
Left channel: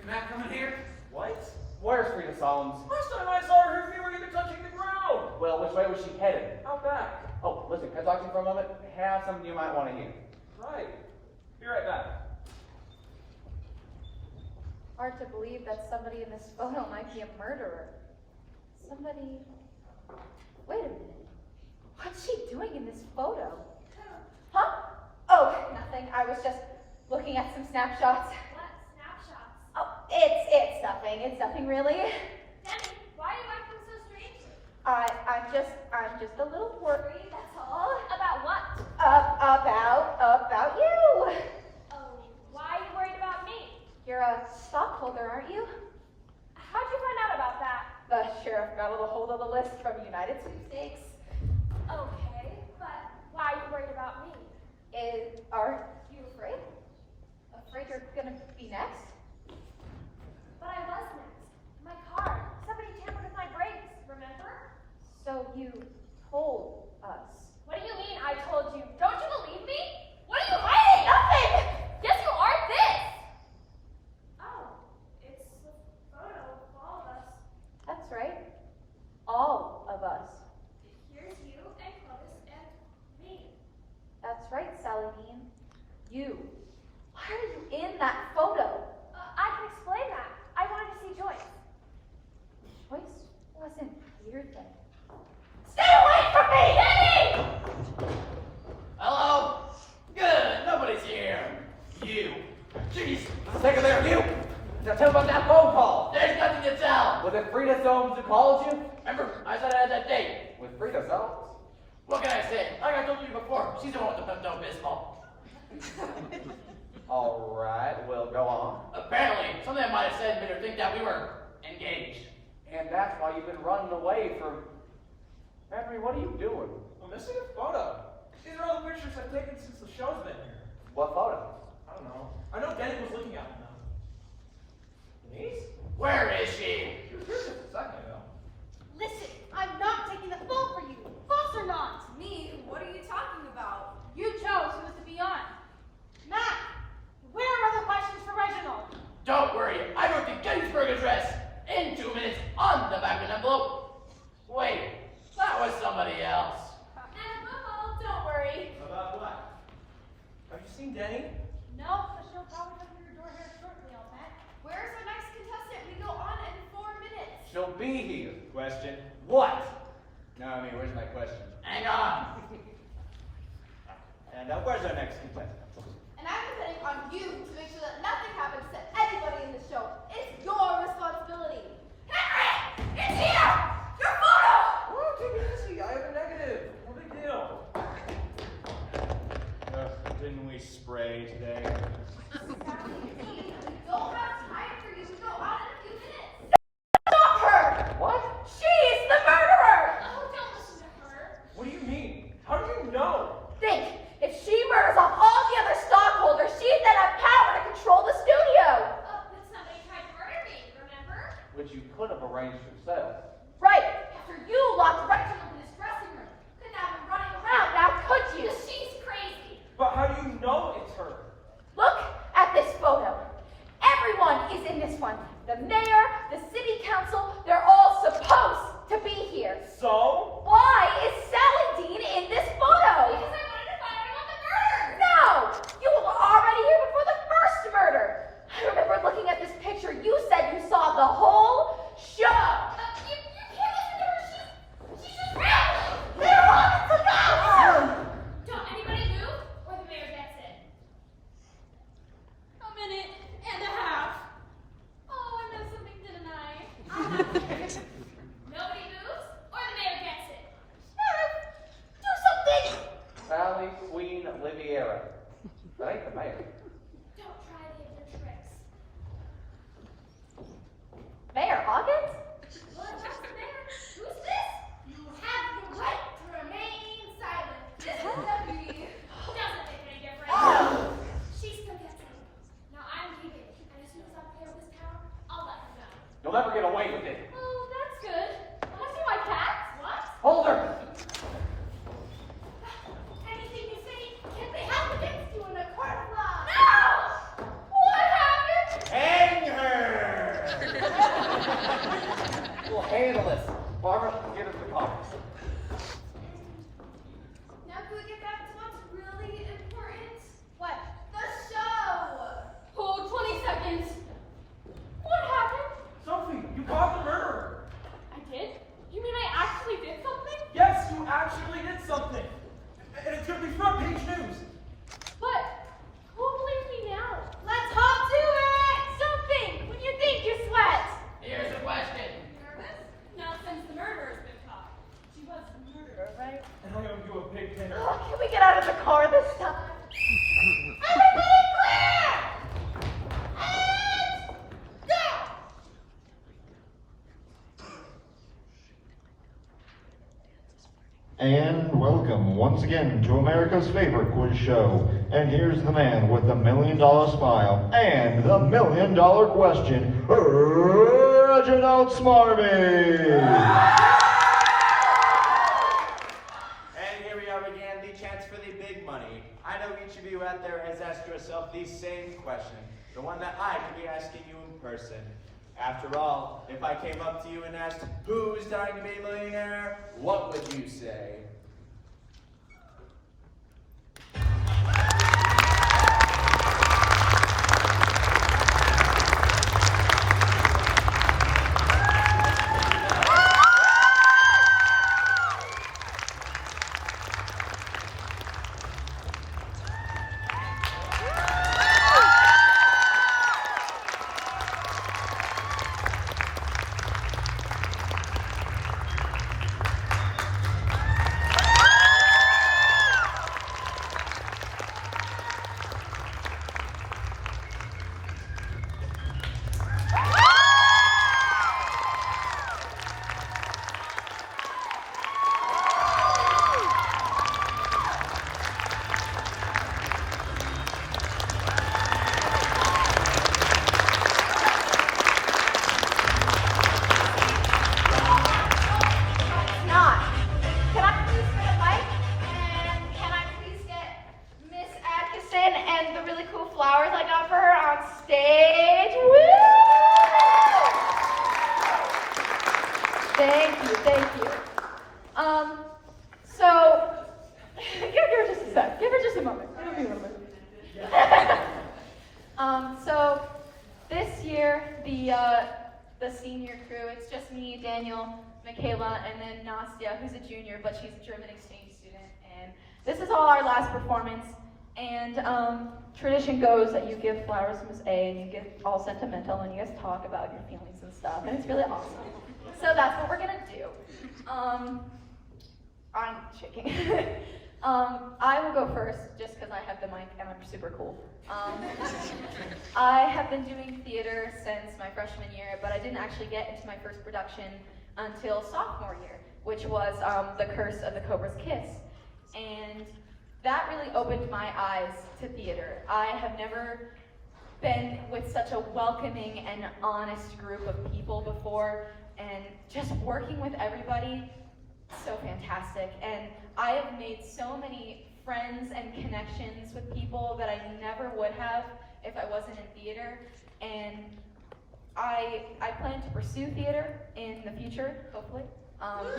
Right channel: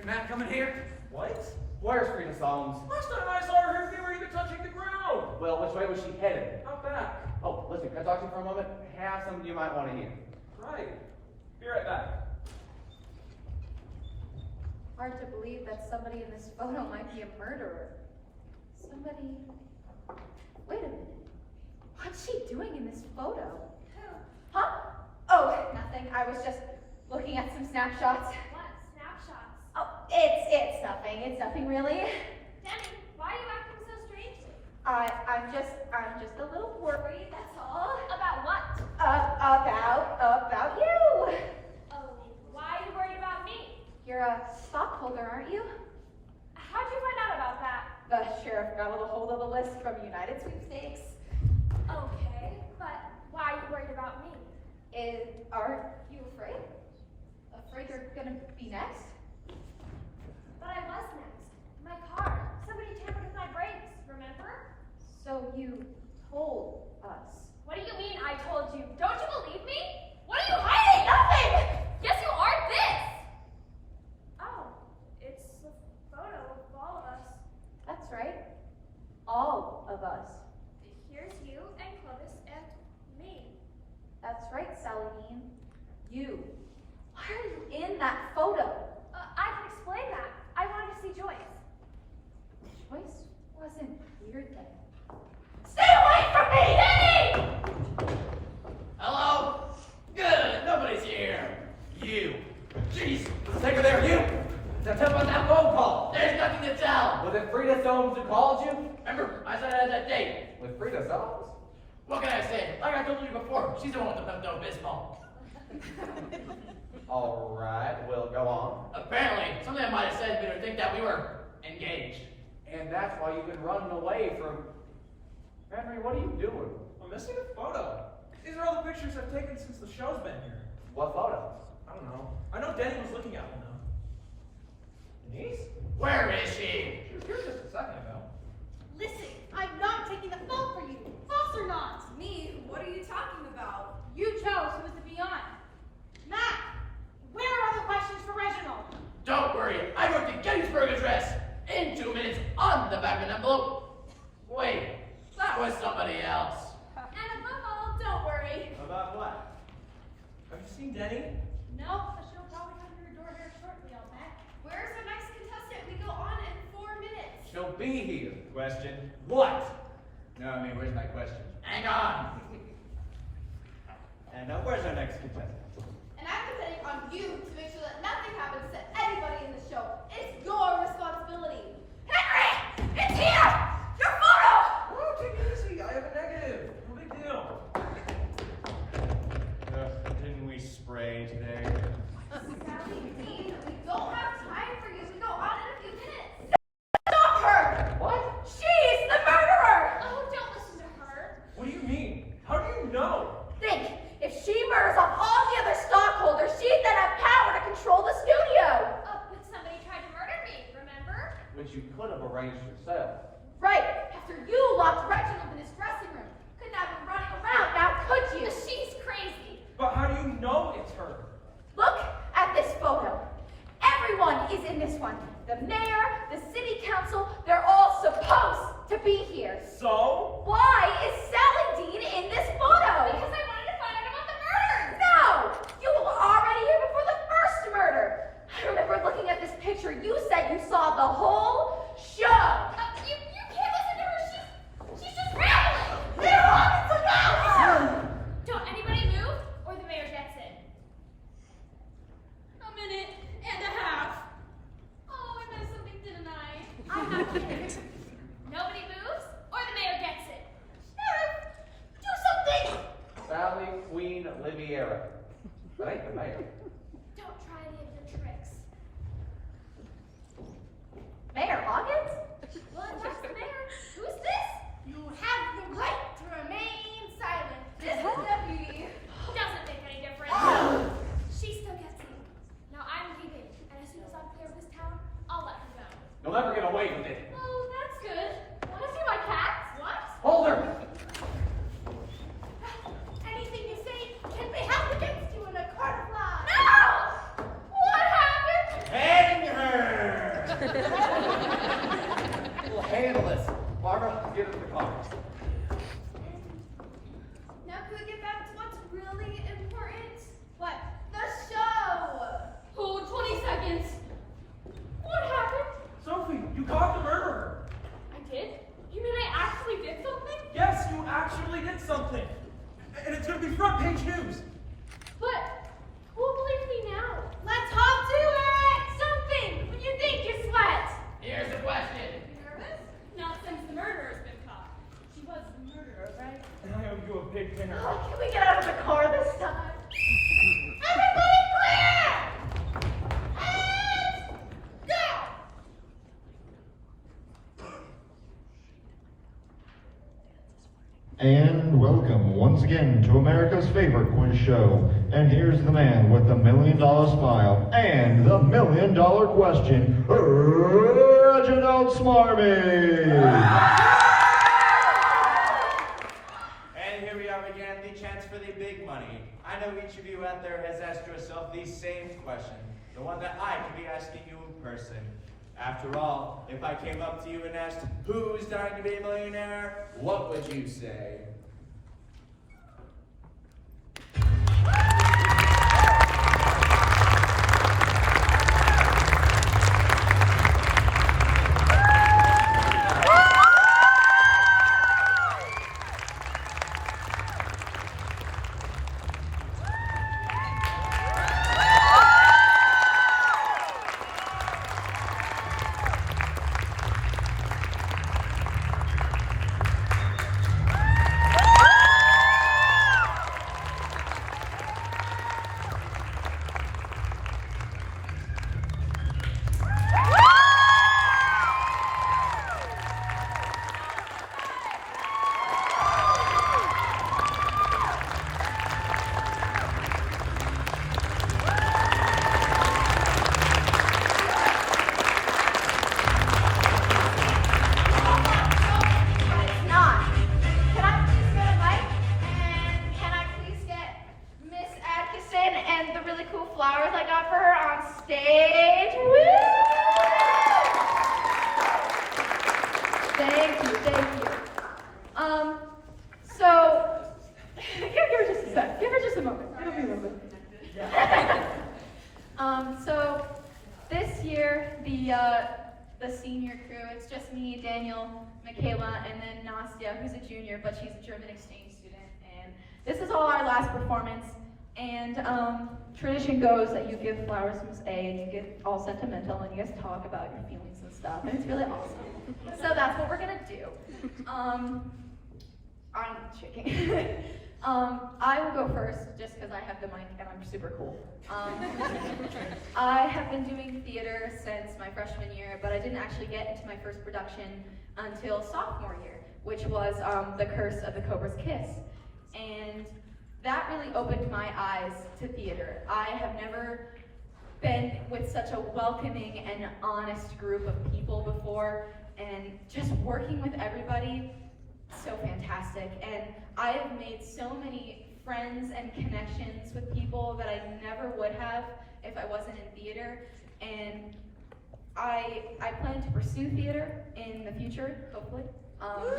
Can Matt come in here? What? Where's Frida Solomons? Last time I saw her, her feet were even touching the ground. Well, which way was she headed? Out back. Oh, listen, can I talk to you for a moment? I have something you might want to hear. Right. Be right back. Hard to believe that somebody in this photo might be a murderer. Somebody... Wait a minute. What's she doing in this photo? Huh? Oh, nothing. I was just looking at some snapshots. What? Snapshots? Oh, it's nothing. It's nothing really. Debbie, why are you acting so strangely? I'm just a little worried, that's all. About what? About you. Oh, why are you worried about me? You're a stockholder, aren't you? How'd you find out about that? The sheriff got a hold of the list from United Sweepstakes. Okay, but why are you worried about me? Aren't you afraid? Afraid you're gonna be next? But I was next. My car. Somebody tampered with my brakes, remember? So you told us. What do you mean I told you? Don't you believe me? What are you hiding? Nothing! Yes, you are this! Oh, it's a photo of all of us. That's right. All of us. Here's you and Clovis and me. That's right, Sally Dean. You. Why are you in that photo? I can explain that. I wanted to see Joyce. Joyce wasn't here then. Stay away from me! Danny! Hello? Good, nobody's here. You. Jeez, for the sake of their you. Now tell about that phone call. There's nothing to tell. Was it Frida Solomons who called you? Remember, I said I had that date with Frida Solomons. What can I say? Like I told you before, she's the one with the Pepto-Bismol. All right, we'll go on. Apparently, something I might have said made her think that we were engaged. And that's why you've been running away from... Henry, what are you doing? I'm missing a photo. These are all the pictures I've taken since the show's been here. What photos? I don't know. I know Denny was looking at them though. Denise? Where is she? She was here just a second ago. Listen, I'm not taking the fall for you. False or not? Me? What are you talking about? You chose who was to be on. Matt, where are the questions for Reginald? Don't worry, I wrote the Gettysburg Address in 2 minutes on the back of an envelope. Wait, that was somebody else. And above all, don't worry. About what? Have you seen Denny? No, but she'll probably come to your door here shortly, I'll bet. Where's our next contestant? We go on in 4 minutes. She'll be here. Question? What? No, I mean, where's my question? Hang on. And where's our next contestant? And I'm depending on you to make sure that nothing happens to anybody in the show. It's your responsibility. Henry! It's here! Your photo! Whoa, take it easy. I have a negative. No big deal. Didn't we spray today? Sally Dean, we don't have time for you. We go on in a few minutes. Stop her! What? She's the murderer! Oh, don't listen to her. What do you mean? How do you know? Think, if she murders off all the other stockholders, she'd then have power to control the studio. But somebody tried to murder me, remember? Which you could have arranged yourself. Right, after you locked Reginald in his dressing room. Couldn't have him running around now, could you? She's crazy. But how do you know it's her? Look at this photo. Everyone is in this one. The mayor, the city council, they're all supposed to be here. So? Why is Sally Dean in this photo? Because I wanted to find out about the murder. No! You were already here before the first murder. I remember looking at this picture. You said you saw the whole show. You can't listen to her. She's just rambling. They're on to go! Don't anybody move, or the mayor gets it. A minute and a half. Oh, I missed something, didn't I? I'm not kidding. Nobody moves, or the mayor gets it. Do something! Sally Queen Liviera. That ain't the mayor. Don't try any of your tricks. Mayor Hawkins? Well, if that's the mayor, who's this? You have the right to remain silent. This is deputy. Doesn't make any difference. She still gets it. Now I'm leaving, and as soon as I'm clear of this town, I'll let her go. You'll never get away with it. Oh, that's good. Wanna see my cat? What? Hold her! Anything you say can be held against you in a court of law. No! What happened? Hang her! handle this. Barbara, get into the car. Now can we get back to what's really important? What? The show! Oh, 20 seconds. What happened? Sophie, you caught the murderer. I did? You mean I actually did something? Yes, you actually did something. And it's going to be front page news. But who'll believe me now? Let's hop to it! Something! What do you think, you sweat? Here's the question. Nervous? Not since the murderer's been caught. She was the murderer, right? And I owe you a big dinner. Oh, can we get out of the car this time? Everybody clear! And go! And welcome once again to America's favorite quiz show. And here's the man with the $1 million smile and the $1 million question, Reginald Smarmy. And here we are again, the chance for the big money. I know each of you out there has asked yourself the same question, the one that I could be asking you in person. After all, if I came up to you and asked, who's dying to be a millionaire, what would you say? Thank you. So, give her just a sec. Give her just a moment. Give her a moment. So, this year, the senior crew, it's just me, Daniel, Michaela, and then Nastya, who's a junior, but she's a German exchange student. And this is all our last performance. And tradition goes that you give flowers to Miss A, and you get all sentimental, and you guys talk about your feelings and stuff, and it's really awesome. So that's what we're gonna do. I'm shaking. I will go first, just because I have the mic and I'm super cool. I have been doing theater since my freshman year, but I didn't actually get into my first production until sophomore year, which was The Curse of the Cobra's Kiss. And that really opened my eyes to theater. I have never been with such a welcoming and honest group of people before, and just working with everybody, so fantastic. And I have made so many friends and connections with people that I never would have if I wasn't in theater. And I plan to pursue theater in the future, hopefully. I want to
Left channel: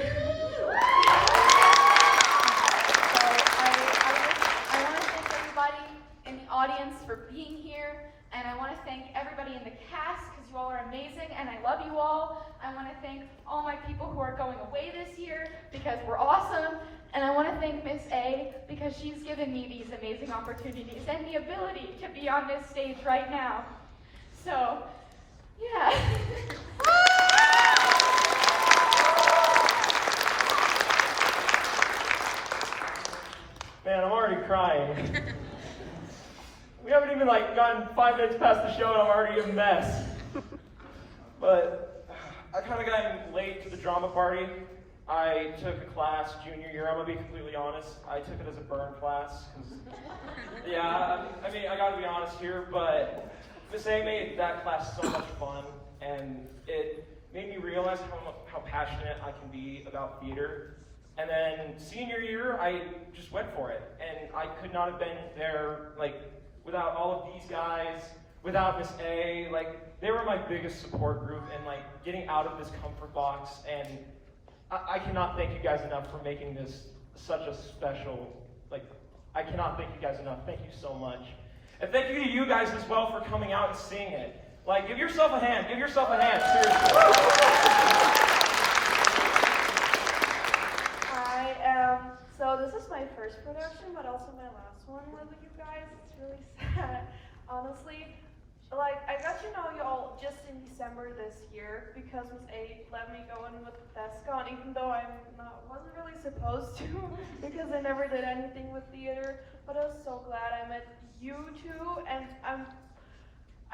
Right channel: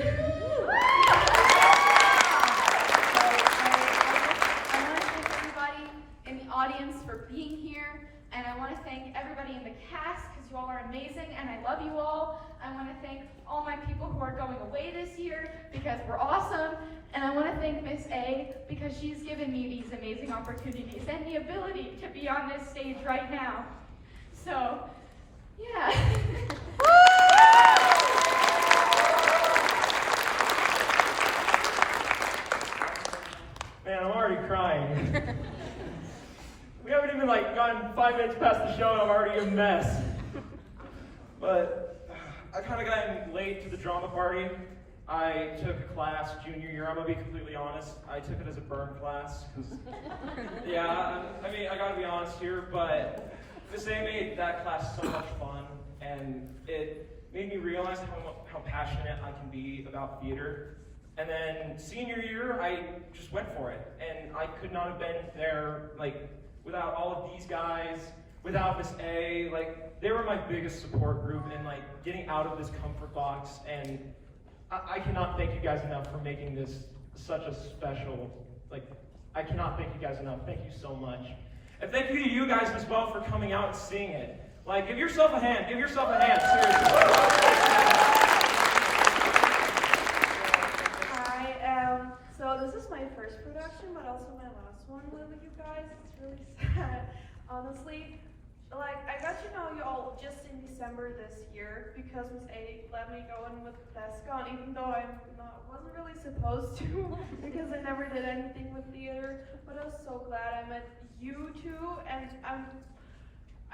thank everybody in the audience for being here, and I want to thank everybody in the cast, because you all are amazing, and I love you all. I want to thank all my people who are going away this year, because we're awesome, and I want to thank Miss A, because she's given me these amazing opportunities and the ability to be on this stage right now. So, yeah. Man, I'm already crying. We haven't even gotten 5 minutes past the show and I'm already a mess. But I kind of got in late to the drama party. I took a class junior year. I'm gonna be completely honest. I took it as a burn class. Yeah, I mean, I gotta be honest here, but Miss A made that class so much fun, and it made me realize how passionate I can be about theater. And then senior year, I just went for it, and I could not have been there without all of these guys, without Miss A, like, they were my biggest support group in, like, getting out of this comfort box, and I cannot thank you guys enough for making this such a special, like, I cannot thank you guys enough. Thank you so much. And thank you to you guys as well for coming out and seeing it. Like, give yourself a hand, seriously. So this is my first production, but also my last one with you guys. It's really sad, honestly. Like, I got to know y'all just in December this year because Miss A let me go in with Descon, even though I wasn't really supposed to because I never did anything with theater. But I was so glad I met you two, and I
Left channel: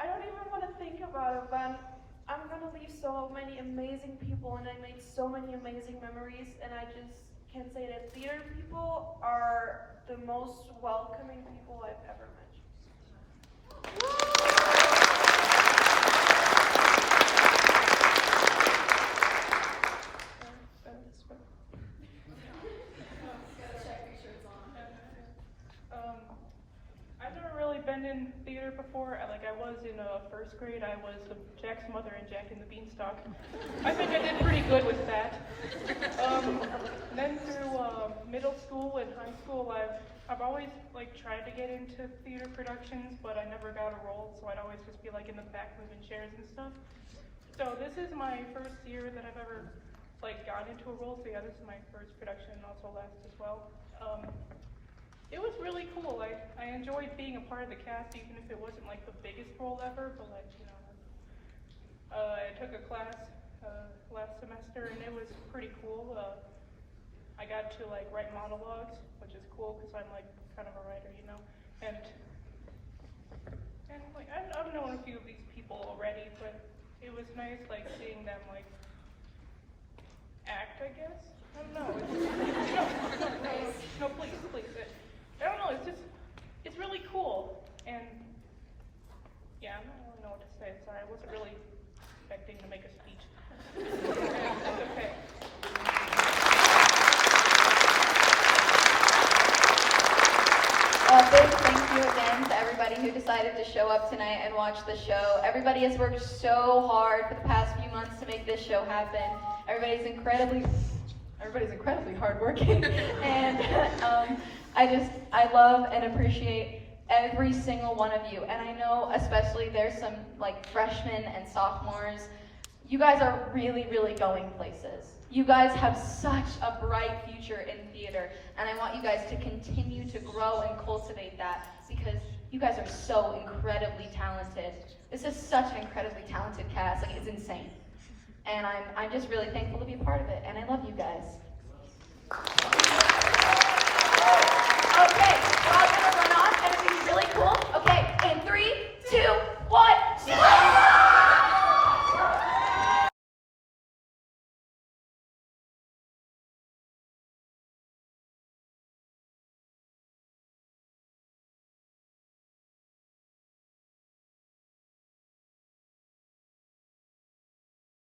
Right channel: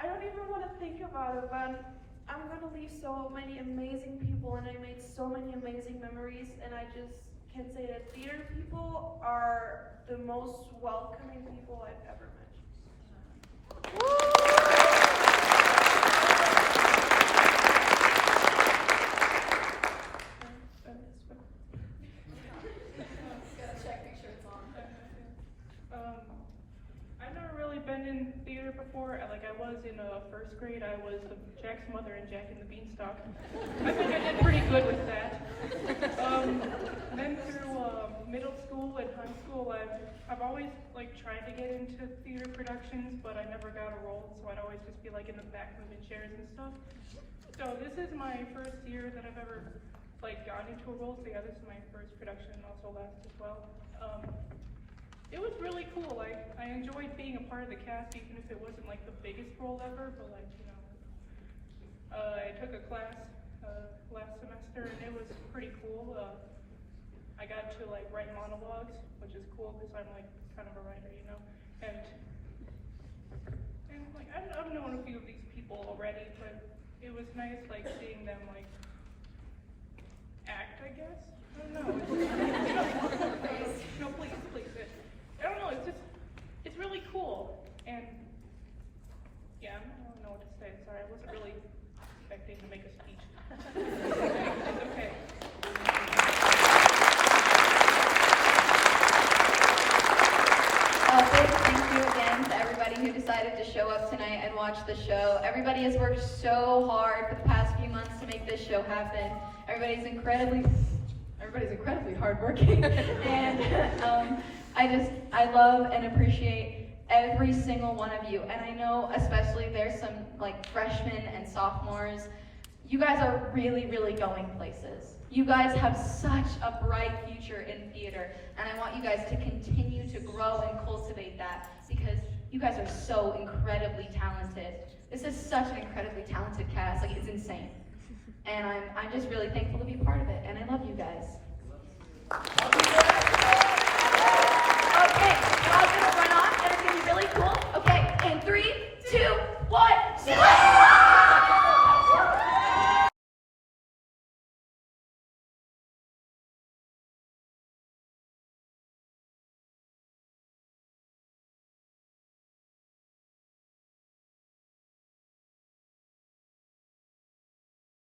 don't even want to think about it, but I'm gonna leave so many amazing people, and I made so many amazing memories, and I just can say that theater people are the most welcoming people I've ever met. Gotta check, make sure it's on. I've never really been in theater before. Like, I was in first grade. I was Jack's mother in Jack and the Beanstalk. I think I did pretty good with that. Then through middle school and high school, I've always like tried to get into theater productions, but I never got a role, so I'd always just be like in the back moving chairs and stuff. So this is my first year that I've ever like got into a role. So yeah, this is my first production, and also last as well. It was really cool. Like, I enjoyed being a part of the cast, even if it wasn't like the biggest role ever. But like, you know, I took a class last semester, and it was pretty cool. I got to like write monologues, which is cool because I'm like kind of a writer, you know. And like, I don't know a few of these people already, but it was nice like seeing them like act, I guess. I don't know. No, please. I don't know, it's really cool, and yeah, I don't know what to say, sorry, I wasn't really expecting to make a speech. It's okay. A big thank you again to everybody who decided to show up tonight and watch the show. Everybody has worked so hard for the past few months to make this show happen. Everybody's incredibly hardworking, and I love and appreciate every single one of you. And I know especially there's some like freshmen and sophomores. You guys are really, really going places. You guys have such a bright future in theater, and I want you guys to continue to grow and cultivate that because you guys are so incredibly talented. This is such an incredibly talented cast, like it's insane. And I'm just really thankful to be a part of it, and I love you guys.